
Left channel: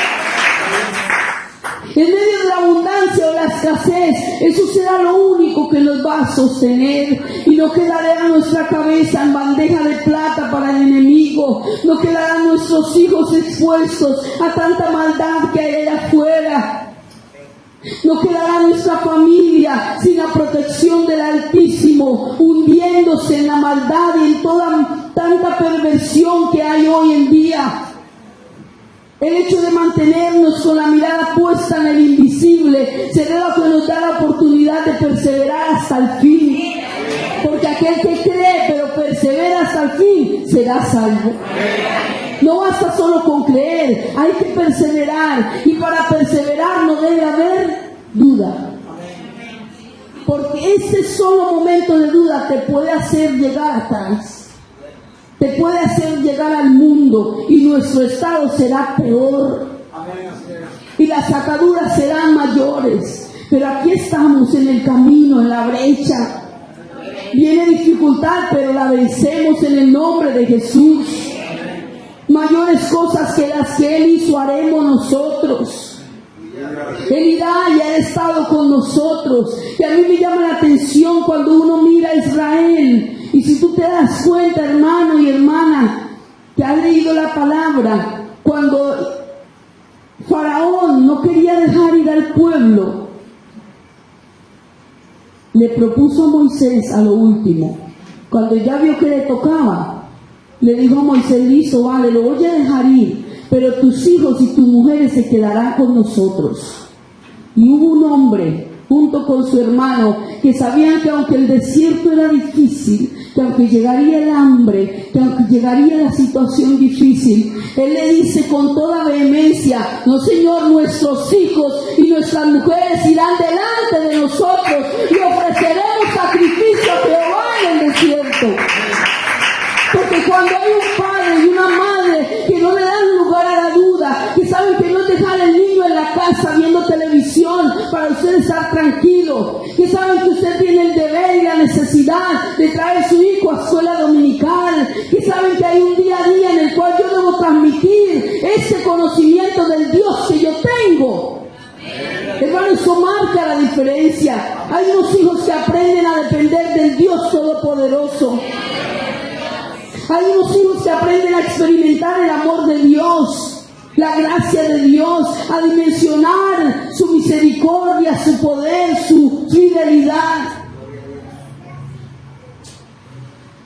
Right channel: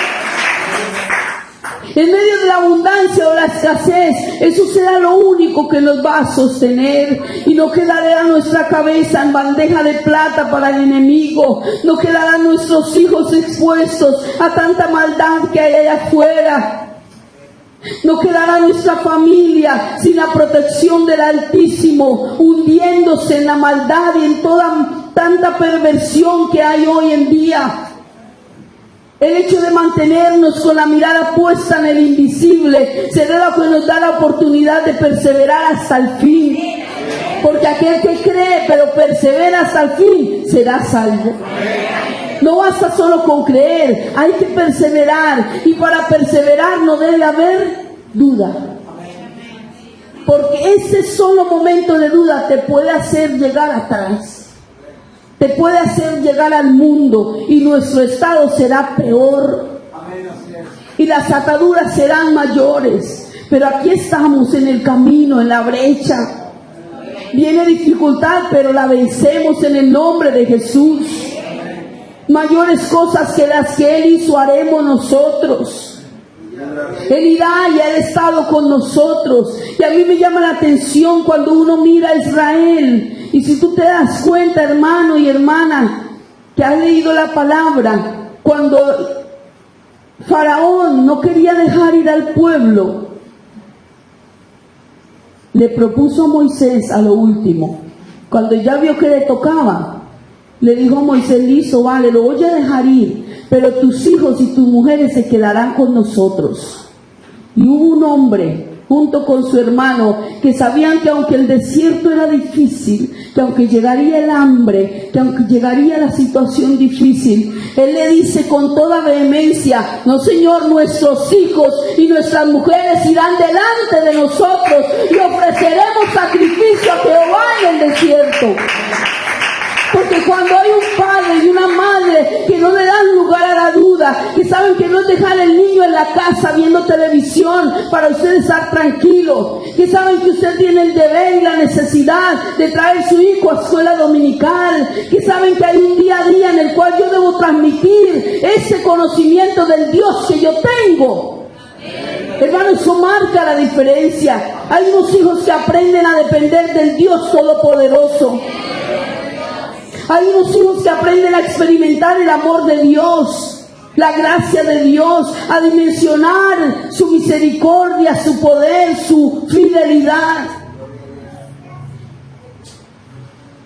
En medio de la abundancia o la escasez, eso será lo único que nos va a sostener. Y no quedará nuestra cabeza en bandeja de plata para el enemigo. No quedarán nuestros hijos expuestos a tanta maldad que hay allá afuera. No quedará nuestra familia sin la protección del Altísimo, hundiéndose en la maldad y en toda tanta perversión que hay hoy en día. El hecho de mantenernos con la mirada puesta en el invisible será lo que nos da la oportunidad de perseverar hasta el fin. Porque aquel que cree pero persevera hasta el fin será salvo. No basta solo con creer, hay que perseverar. Y para perseverar no debe haber duda. Porque ese solo momento de duda te puede hacer llegar atrás. Te puede hacer llegar al mundo y nuestro estado será peor. Y las ataduras serán mayores. Pero aquí estamos en el camino, en la brecha. Viene dificultad, pero la vencemos en el nombre de Jesús. Mayores cosas que las que Él hizo haremos nosotros. Él irá y ha estado con nosotros. Y a mí me llama la atención cuando uno mira a Israel. Y si tú te das cuenta, hermano y hermana, que has leído la palabra, cuando Faraón no quería dejar ir al pueblo, le propuso a Moisés a lo último, cuando ya vio que le tocaba, le dijo a Moisés, listo, vale, lo voy a dejar ir, pero tus hijos y tus mujeres se quedarán con nosotros. Y hubo un hombre junto con su hermano que sabían que aunque el desierto era difícil, que aunque llegaría el hambre, que aunque llegaría la situación difícil, él le dice con toda vehemencia, no Señor, nuestros hijos y nuestras mujeres irán delante de nosotros y ofreceremos sacrificio a Jehová en el desierto. Porque cuando hay un padre y una madre que no le dan lugar a la duda, que saben que no es dejar el niño en la casa viendo televisión para usted estar tranquilo, que saben que usted tiene el deber y la necesidad de traer a su hijo a escuela dominical, que saben que hay un día a día en el cual yo debo transmitir ese conocimiento del Dios que yo tengo. Hermano, eso marca la diferencia. Hay unos hijos que aprenden a depender del Dios Todopoderoso. Hay unos hijos que aprenden a experimentar el amor de Dios, la gracia de Dios, a dimensionar su misericordia, su poder, su fidelidad.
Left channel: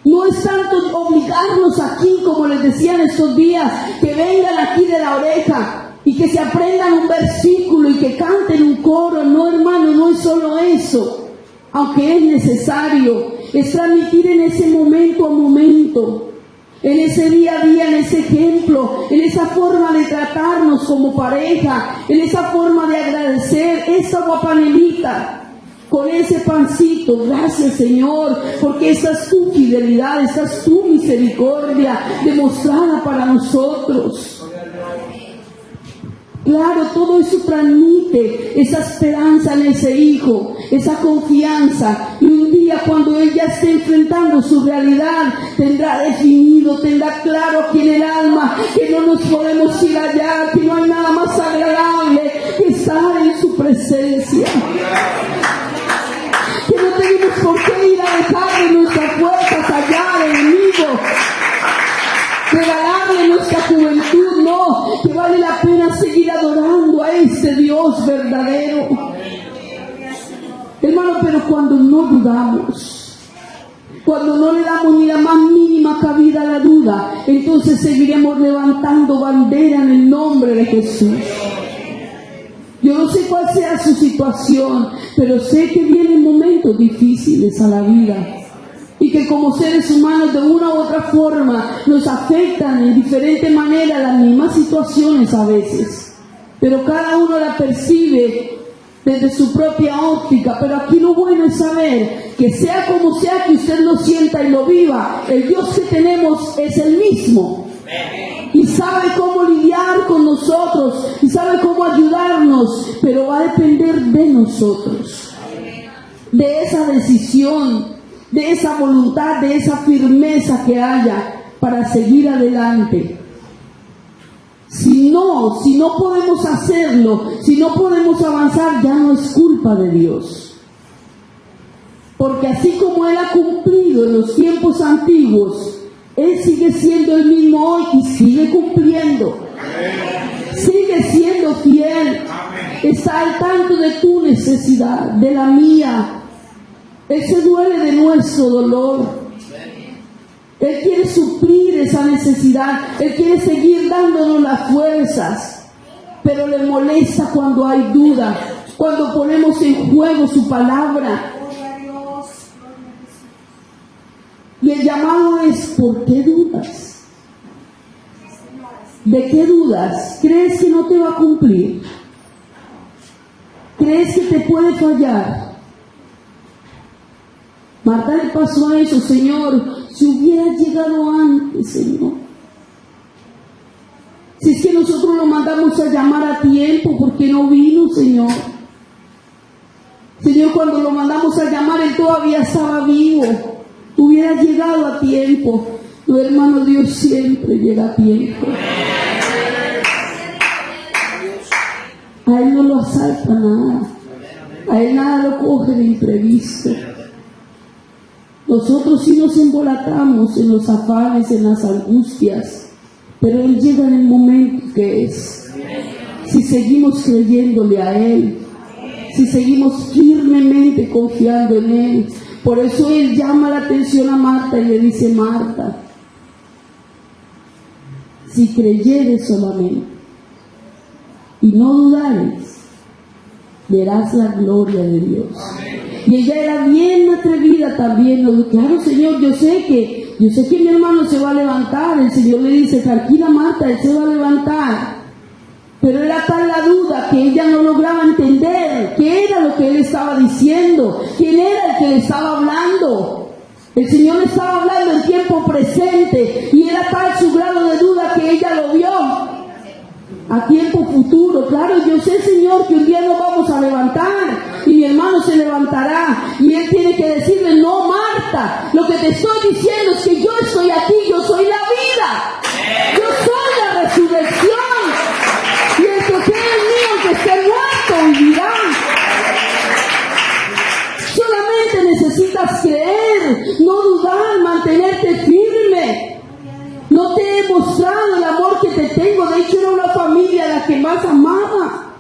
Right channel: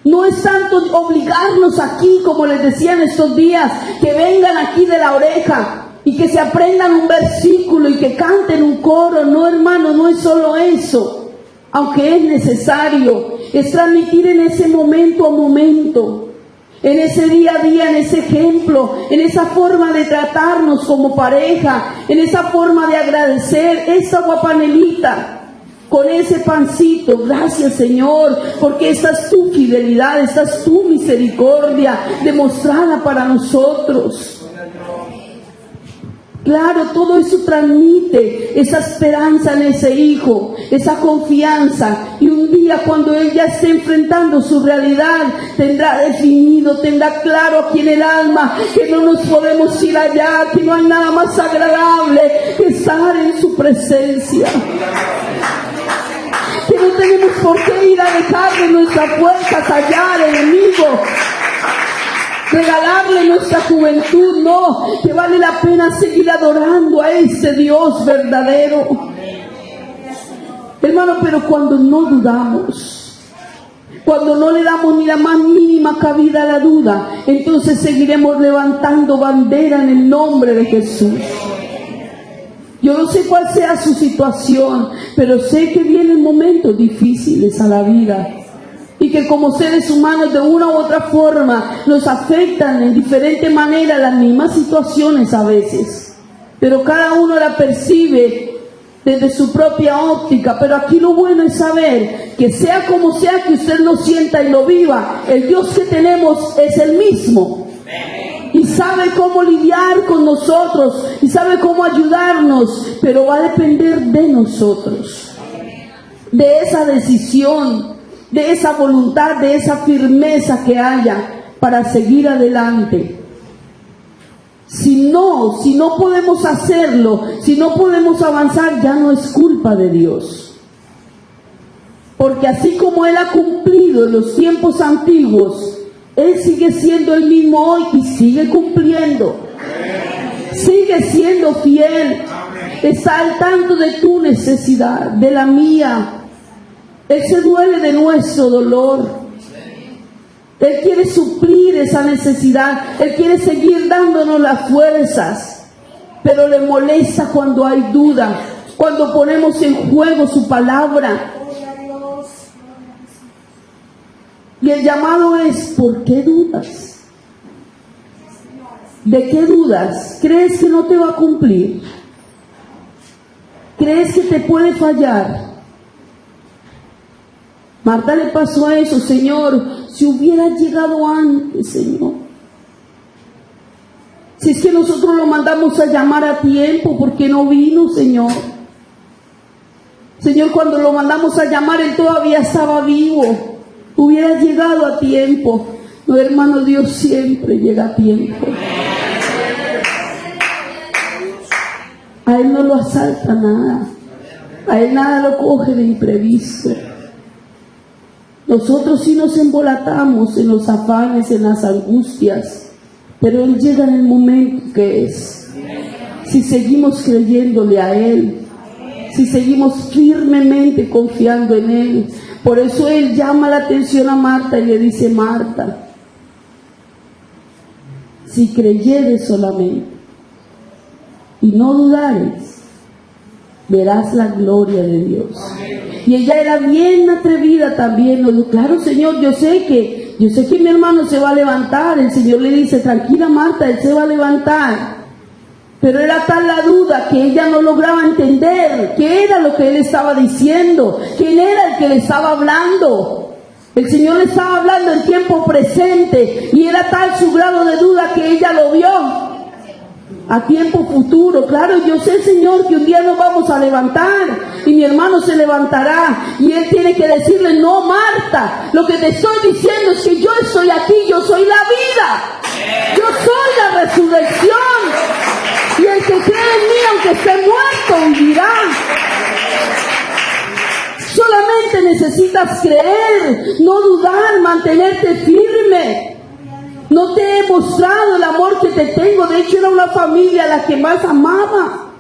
No es tanto obligarnos aquí, como les decía en estos días, que vengan aquí de la oreja y que se aprendan un versículo y que canten un coro. No, hermano, no es solo eso, aunque es necesario, es transmitir en ese momento a momento, en ese día a día, en ese ejemplo, en esa forma de tratarnos como pareja, en esa forma de agradecer. Esa guapanelita, con ese pancito. Gracias, Señor, porque esta es tu fidelidad, esta es tu misericordia demostrada para nosotros. Claro, todo eso transmite esa esperanza en ese hijo, esa confianza. Y un día cuando él ya esté enfrentando su realidad, tendrá definido, tendrá claro aquí en el alma que no nos podemos ir allá, que no hay nada más agradable que estar en su presencia. Que no tenemos por qué ir a dejarle nuestras puertas allá al enemigo, regalarle nuestra juventud, no, que vale la pena seguir adorando a ese Dios verdadero. Hermano, pero cuando no dudamos, cuando no le damos ni la más mínima cabida a la duda, entonces seguiremos levantando bandera en el nombre de Jesús. Yo no sé cuál sea su situación, pero sé que vienen momentos difíciles a la vida y que como seres humanos de una u otra forma nos afectan en diferente manera las mismas situaciones a veces, pero cada uno la percibe desde su propia óptica. Pero aquí lo bueno es saber que sea como sea que usted lo sienta y lo viva, el Dios que tenemos es el mismo y sabe cómo lidiar con nosotros y sabe cómo ayudarnos, pero va a depender de nosotros, de esa decisión, de esa voluntad, de esa firmeza que haya para seguir adelante. Si no podemos hacerlo, si no podemos avanzar, ya no es culpa de Dios. Porque así como Él ha cumplido en los tiempos antiguos, Él sigue siendo el mismo hoy y sigue cumpliendo. Sigue siendo fiel. Está al tanto de tu necesidad, de la mía. Él se duele de nuestro dolor. Él quiere suplir esa necesidad. Él quiere seguir dándonos las fuerzas. Pero le molesta cuando hay duda, cuando ponemos en juego su palabra. Y el llamado es: ¿por qué dudas? ¿De qué dudas? ¿Crees que no te va a cumplir? ¿Crees que te puede fallar? Marta le pasó a eso: Señor, si hubiera llegado antes, Señor. Si es que nosotros lo mandamos a llamar a tiempo, ¿por qué no vino, Señor? Señor, cuando lo mandamos a llamar, Él todavía estaba vivo. Hubiera llegado a tiempo. No, hermano, Dios siempre llega a tiempo. A Él no lo asalta nada. A Él nada lo coge de imprevisto. Nosotros sí nos embolatamos en los afanes, en las angustias, pero Él llega en el momento que es. Si seguimos creyéndole a Él, si seguimos firmemente confiando en Él. Por eso Él llama la atención a Marta y le dice: Marta, si creyeres solamente y no dudares, verás la gloria de Dios. Y ella era bien atrevida también. Lo dijo: claro, Señor, yo sé que mi hermano se va a levantar. El Señor le dice: tranquila, Marta, él se va a levantar. Pero era tal la duda que ella no lograba entender qué era lo que Él estaba diciendo, quién era el que le estaba hablando. El Señor le estaba hablando en tiempo presente y era tal su grado de duda que ella lo vio a tiempo futuro. Claro, yo sé, Señor, que un día nos vamos a levantar y mi hermano se levantará y Él tiene que decirle: no, Marta, lo que te estoy diciendo es que yo estoy aquí, yo soy la vida, yo soy la resurrección, y el que cree en mí, aunque esté muerto, vivirá. Solamente necesitas creer, no dudar, mantenerte firme. No te he mostrado el amor que te tengo. De hecho, era una familia a la que más amaba.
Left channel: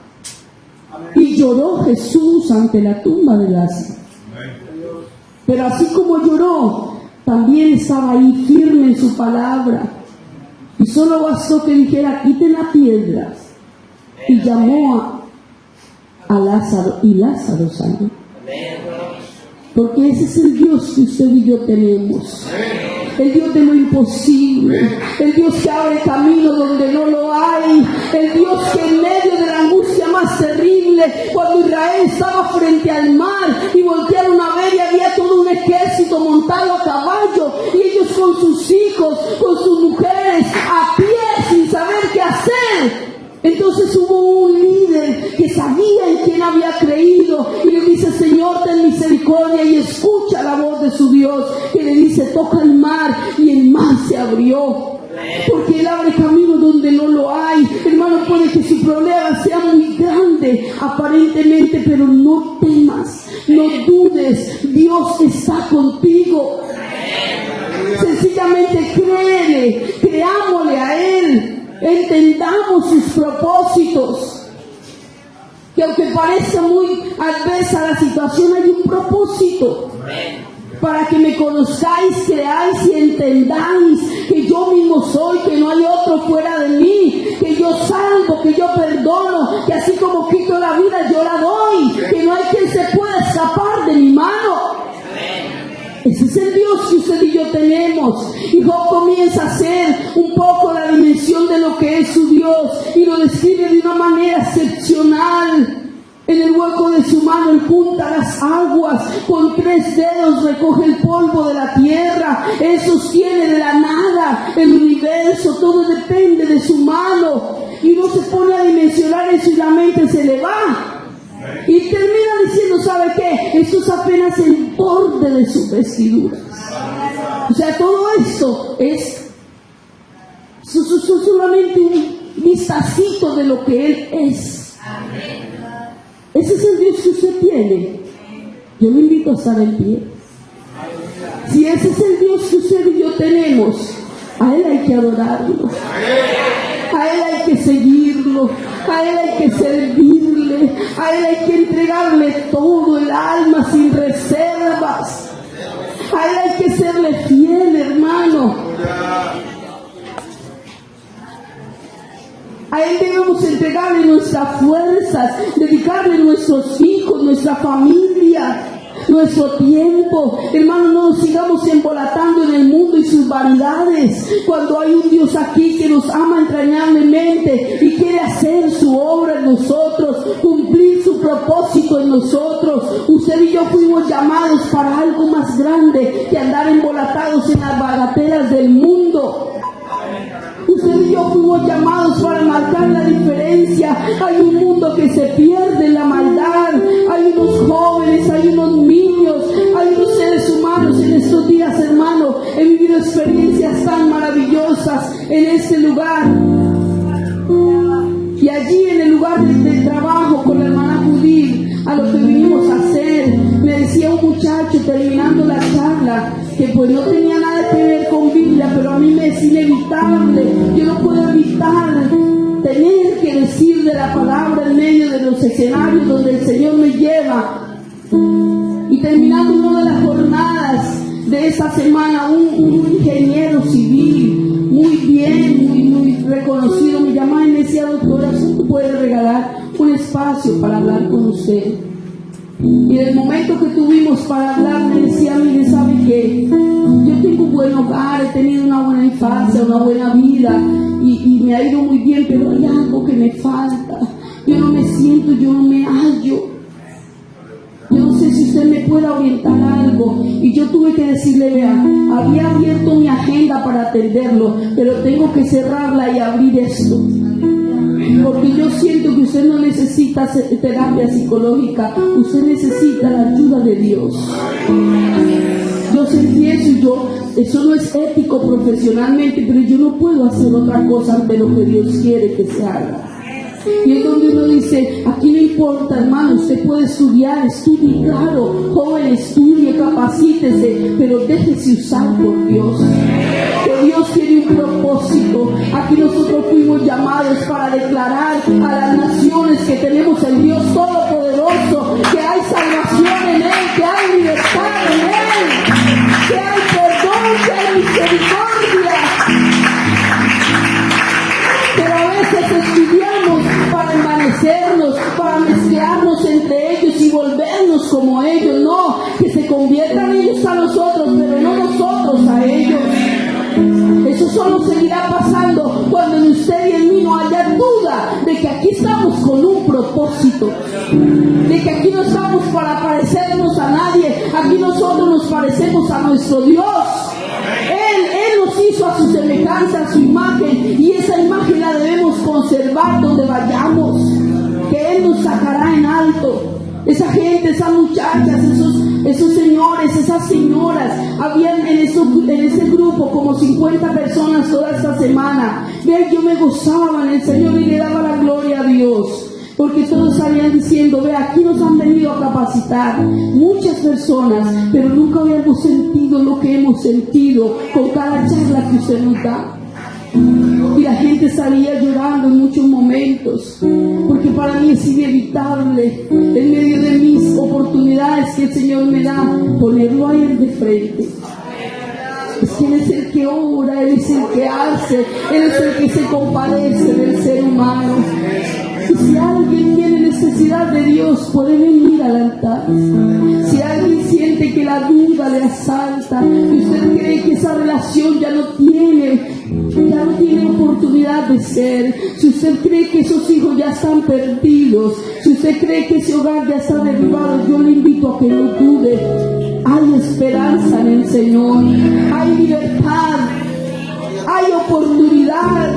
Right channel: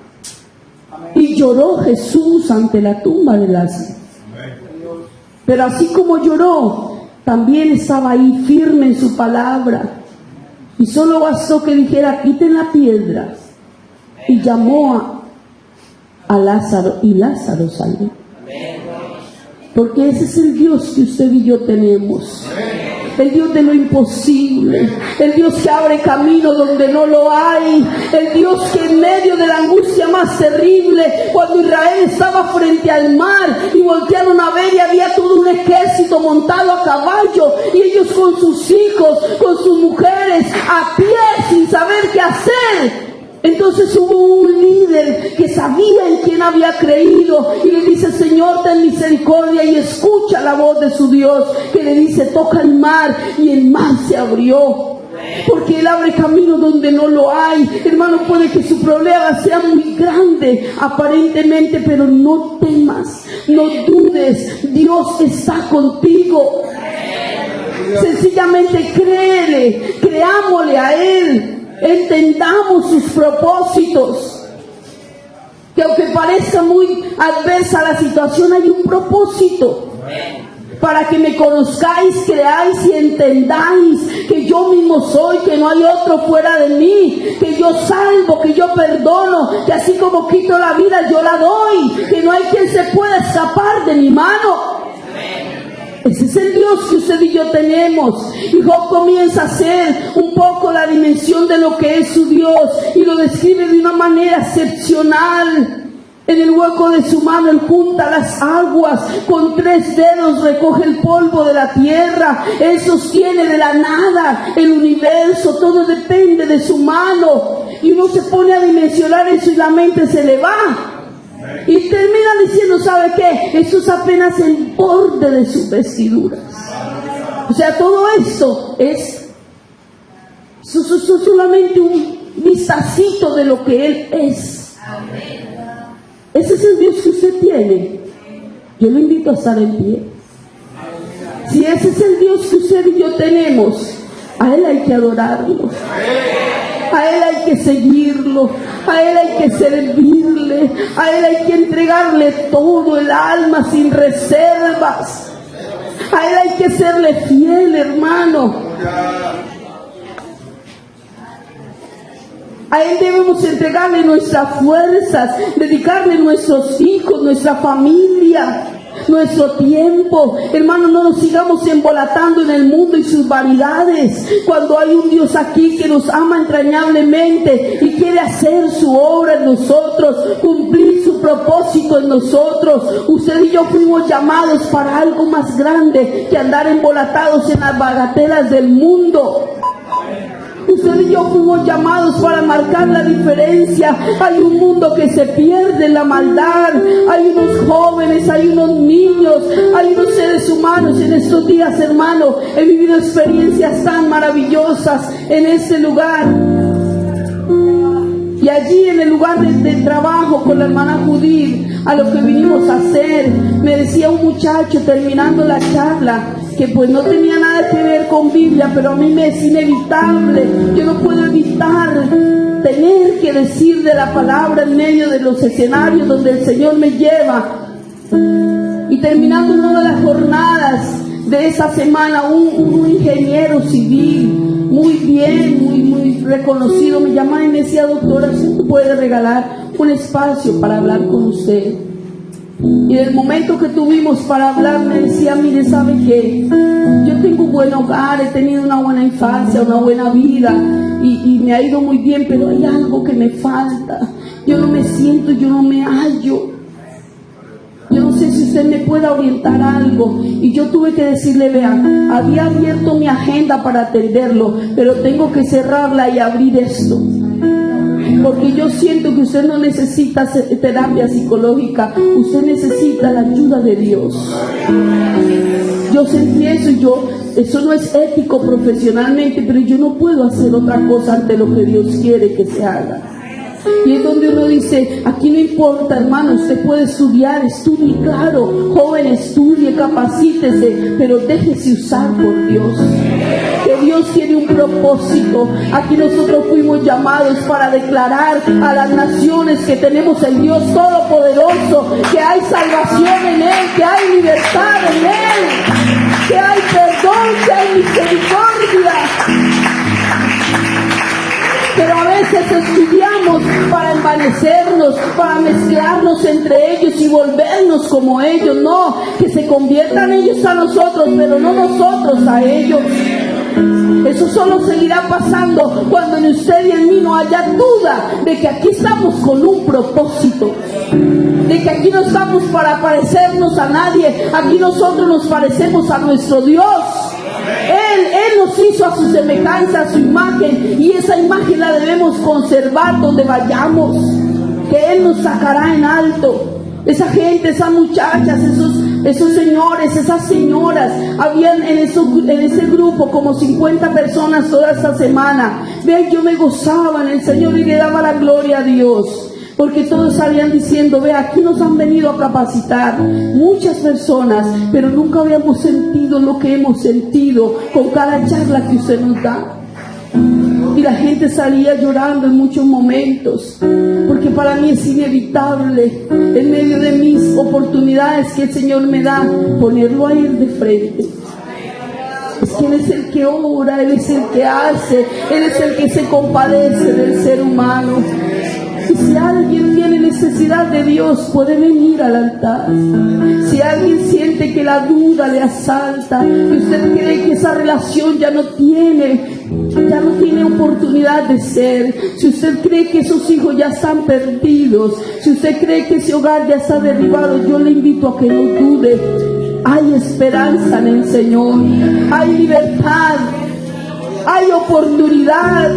Y lloró Jesús ante la tumba de Lázaro. Pero así como lloró, también estaba ahí firme en su palabra. Y solo bastó que dijera: quiten la piedra. Y llamó a Lázaro, y Lázaro salió. Porque ese es el Dios que usted y yo tenemos. El Dios de lo imposible, el Dios que abre camino donde no lo hay, el Dios que en medio de la angustia más más terrible, cuando Israel estaba frente al mar y voltearon a ver y había todo un ejército montado a caballo y ellos con sus hijos, con sus mujeres, a pie sin saber qué hacer. Entonces hubo un líder que sabía en quién había creído y le dice: Señor, ten misericordia, y escucha la voz de su Dios, que le dice: toca el mar, y el mar se abrió. Porque Él abre camino donde no lo hay. Hermano, puede que su problema sea muy grande aparentemente, pero no temas, no dudes, Dios está contigo. Sencillamente créele, creámosle a Él, entendamos sus propósitos. Que aunque parezca muy adversa la situación, hay un propósito. Para que me conozcáis, creáis y entendáis que yo mismo soy, que no hay otro fuera de mí, que yo salvo, que yo perdono, que así como quito la vida yo la doy, que no hay quien se pueda escapar de mi mano. Ese es el Dios que usted y yo tenemos. Y Job comienza a hacer un poco la dimensión de lo que es su Dios y lo describe de una manera excepcional. En el hueco de su mano Él junta las aguas, con 3 dedos recoge el polvo de la tierra, Él sostiene de la nada el universo, todo depende de su mano. Y uno se pone a dimensionar eso y la mente se le va. Y termina diciendo: ¿sabe qué? Esto es apenas el borde de sus vestiduras. O sea, todo esto es solamente un vistacito de lo que Él es. Ese es el Dios que usted tiene. Yo lo invito a estar en pie. Si ese es el Dios que usted y yo tenemos, a Él hay que adorarlo, a Él hay que seguirlo, a Él hay que servirle, a Él hay que entregarle todo el alma sin reservas, a Él hay que serle fiel, hermano. A Él debemos entregarle nuestras fuerzas, dedicarle nuestros hijos, nuestra familia, nuestro tiempo. Hermano, no nos sigamos embolatando en el mundo y sus vanidades, cuando hay un Dios aquí que nos ama entrañablemente y quiere hacer su obra en nosotros, cumplir su propósito en nosotros. Usted y yo fuimos llamados para algo más grande que andar embolatados en las bagatelas del mundo. Usted y yo fuimos llamados para marcar la diferencia. Hay un mundo que se pierde en la maldad. Hay unos jóvenes, hay unos niños, hay unos seres humanos. En estos días, hermano, he vivido experiencias tan maravillosas en este lugar. Y allí en el lugar de trabajo con la hermana Judith, a lo que vinimos a hacer, me decía un muchacho terminando la charla, que pues no tenía nada que ver con Biblia, pero a mí me es inevitable, yo no puedo evitar tener que decir de la palabra en medio de los escenarios donde el Señor me lleva. Y terminando una de las jornadas de esa semana, un ingeniero civil, muy bien, muy reconocido, me llama y me decía: doctora, ¿usted puede regalar un espacio para hablar con usted? Y en el momento que tuvimos para hablar, me decía: mire, ¿sabe qué? Yo tengo un buen hogar, he tenido una buena infancia, una buena vida, y me ha ido muy bien, pero hay algo que me falta. Yo no me siento, yo no me hallo. Yo no sé si usted me puede orientar algo. Y yo tuve que decirle: vean, había abierto mi agenda para atenderlo, pero tengo que cerrarla y abrir esto. Porque yo siento que usted no necesita terapia psicológica, usted necesita la ayuda de Dios. Yo sentí eso y eso no es ético profesionalmente, pero yo no puedo hacer otra cosa ante lo que Dios quiere que se haga. Y es donde uno dice: aquí no importa, hermano, usted puede estudiar, estudie, claro, joven, estudie, capacítese, pero déjese usar por Dios. Que Dios tiene un propósito. Aquí nosotros fuimos llamados para declarar a las naciones que tenemos el Dios Todopoderoso, que hay salvación en Él, que hay libertad en Él, que hay perdón, que hay misericordia. Pero a veces estudiamos para envanecernos, para mezclarnos entre ellos y volvernos como ellos. No, que se conviertan ellos a nosotros, pero no nosotros a ellos. Eso solo seguirá pasando cuando en usted y en mí no haya duda de que aquí estamos con un propósito, de que aquí no estamos para parecernos a nadie, aquí nosotros nos parecemos a nuestro Dios. Él nos hizo a su semejanza, a su imagen, y esa imagen la debemos conservar donde vayamos, que Él nos sacará en alto. Esa gente, esas muchachas, esos señores, esas señoras, habían en ese grupo como 50 personas toda esta semana. Vean, yo me gozaba en el Señor y le daba la gloria a Dios, porque todos salían diciendo: ve, aquí nos han venido a capacitar muchas personas, pero nunca habíamos sentido lo que hemos sentido con cada charla que usted nos da. Y la gente salía llorando en muchos momentos, porque para mí es inevitable, en medio de mis oportunidades que el Señor me da, ponerlo a Él de frente. Es que Él es el que obra, Él es el que hace, Él es el que se compadece del ser humano. Y si alguien tiene necesidad de Dios, puede venir al altar. Si alguien siente que la duda le asalta, que usted cree que esa relación ya no tiene oportunidad de ser, si usted cree que esos hijos ya están perdidos, si usted cree que ese hogar ya está derribado, yo le invito a que no dude. Hay esperanza en el Señor, hay libertad, hay oportunidad,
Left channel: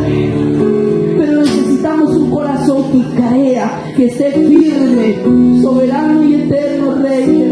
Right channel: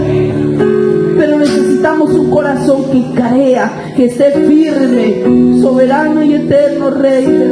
pero necesitamos un corazón que crea, que esté firme. Soberano y eterno Rey,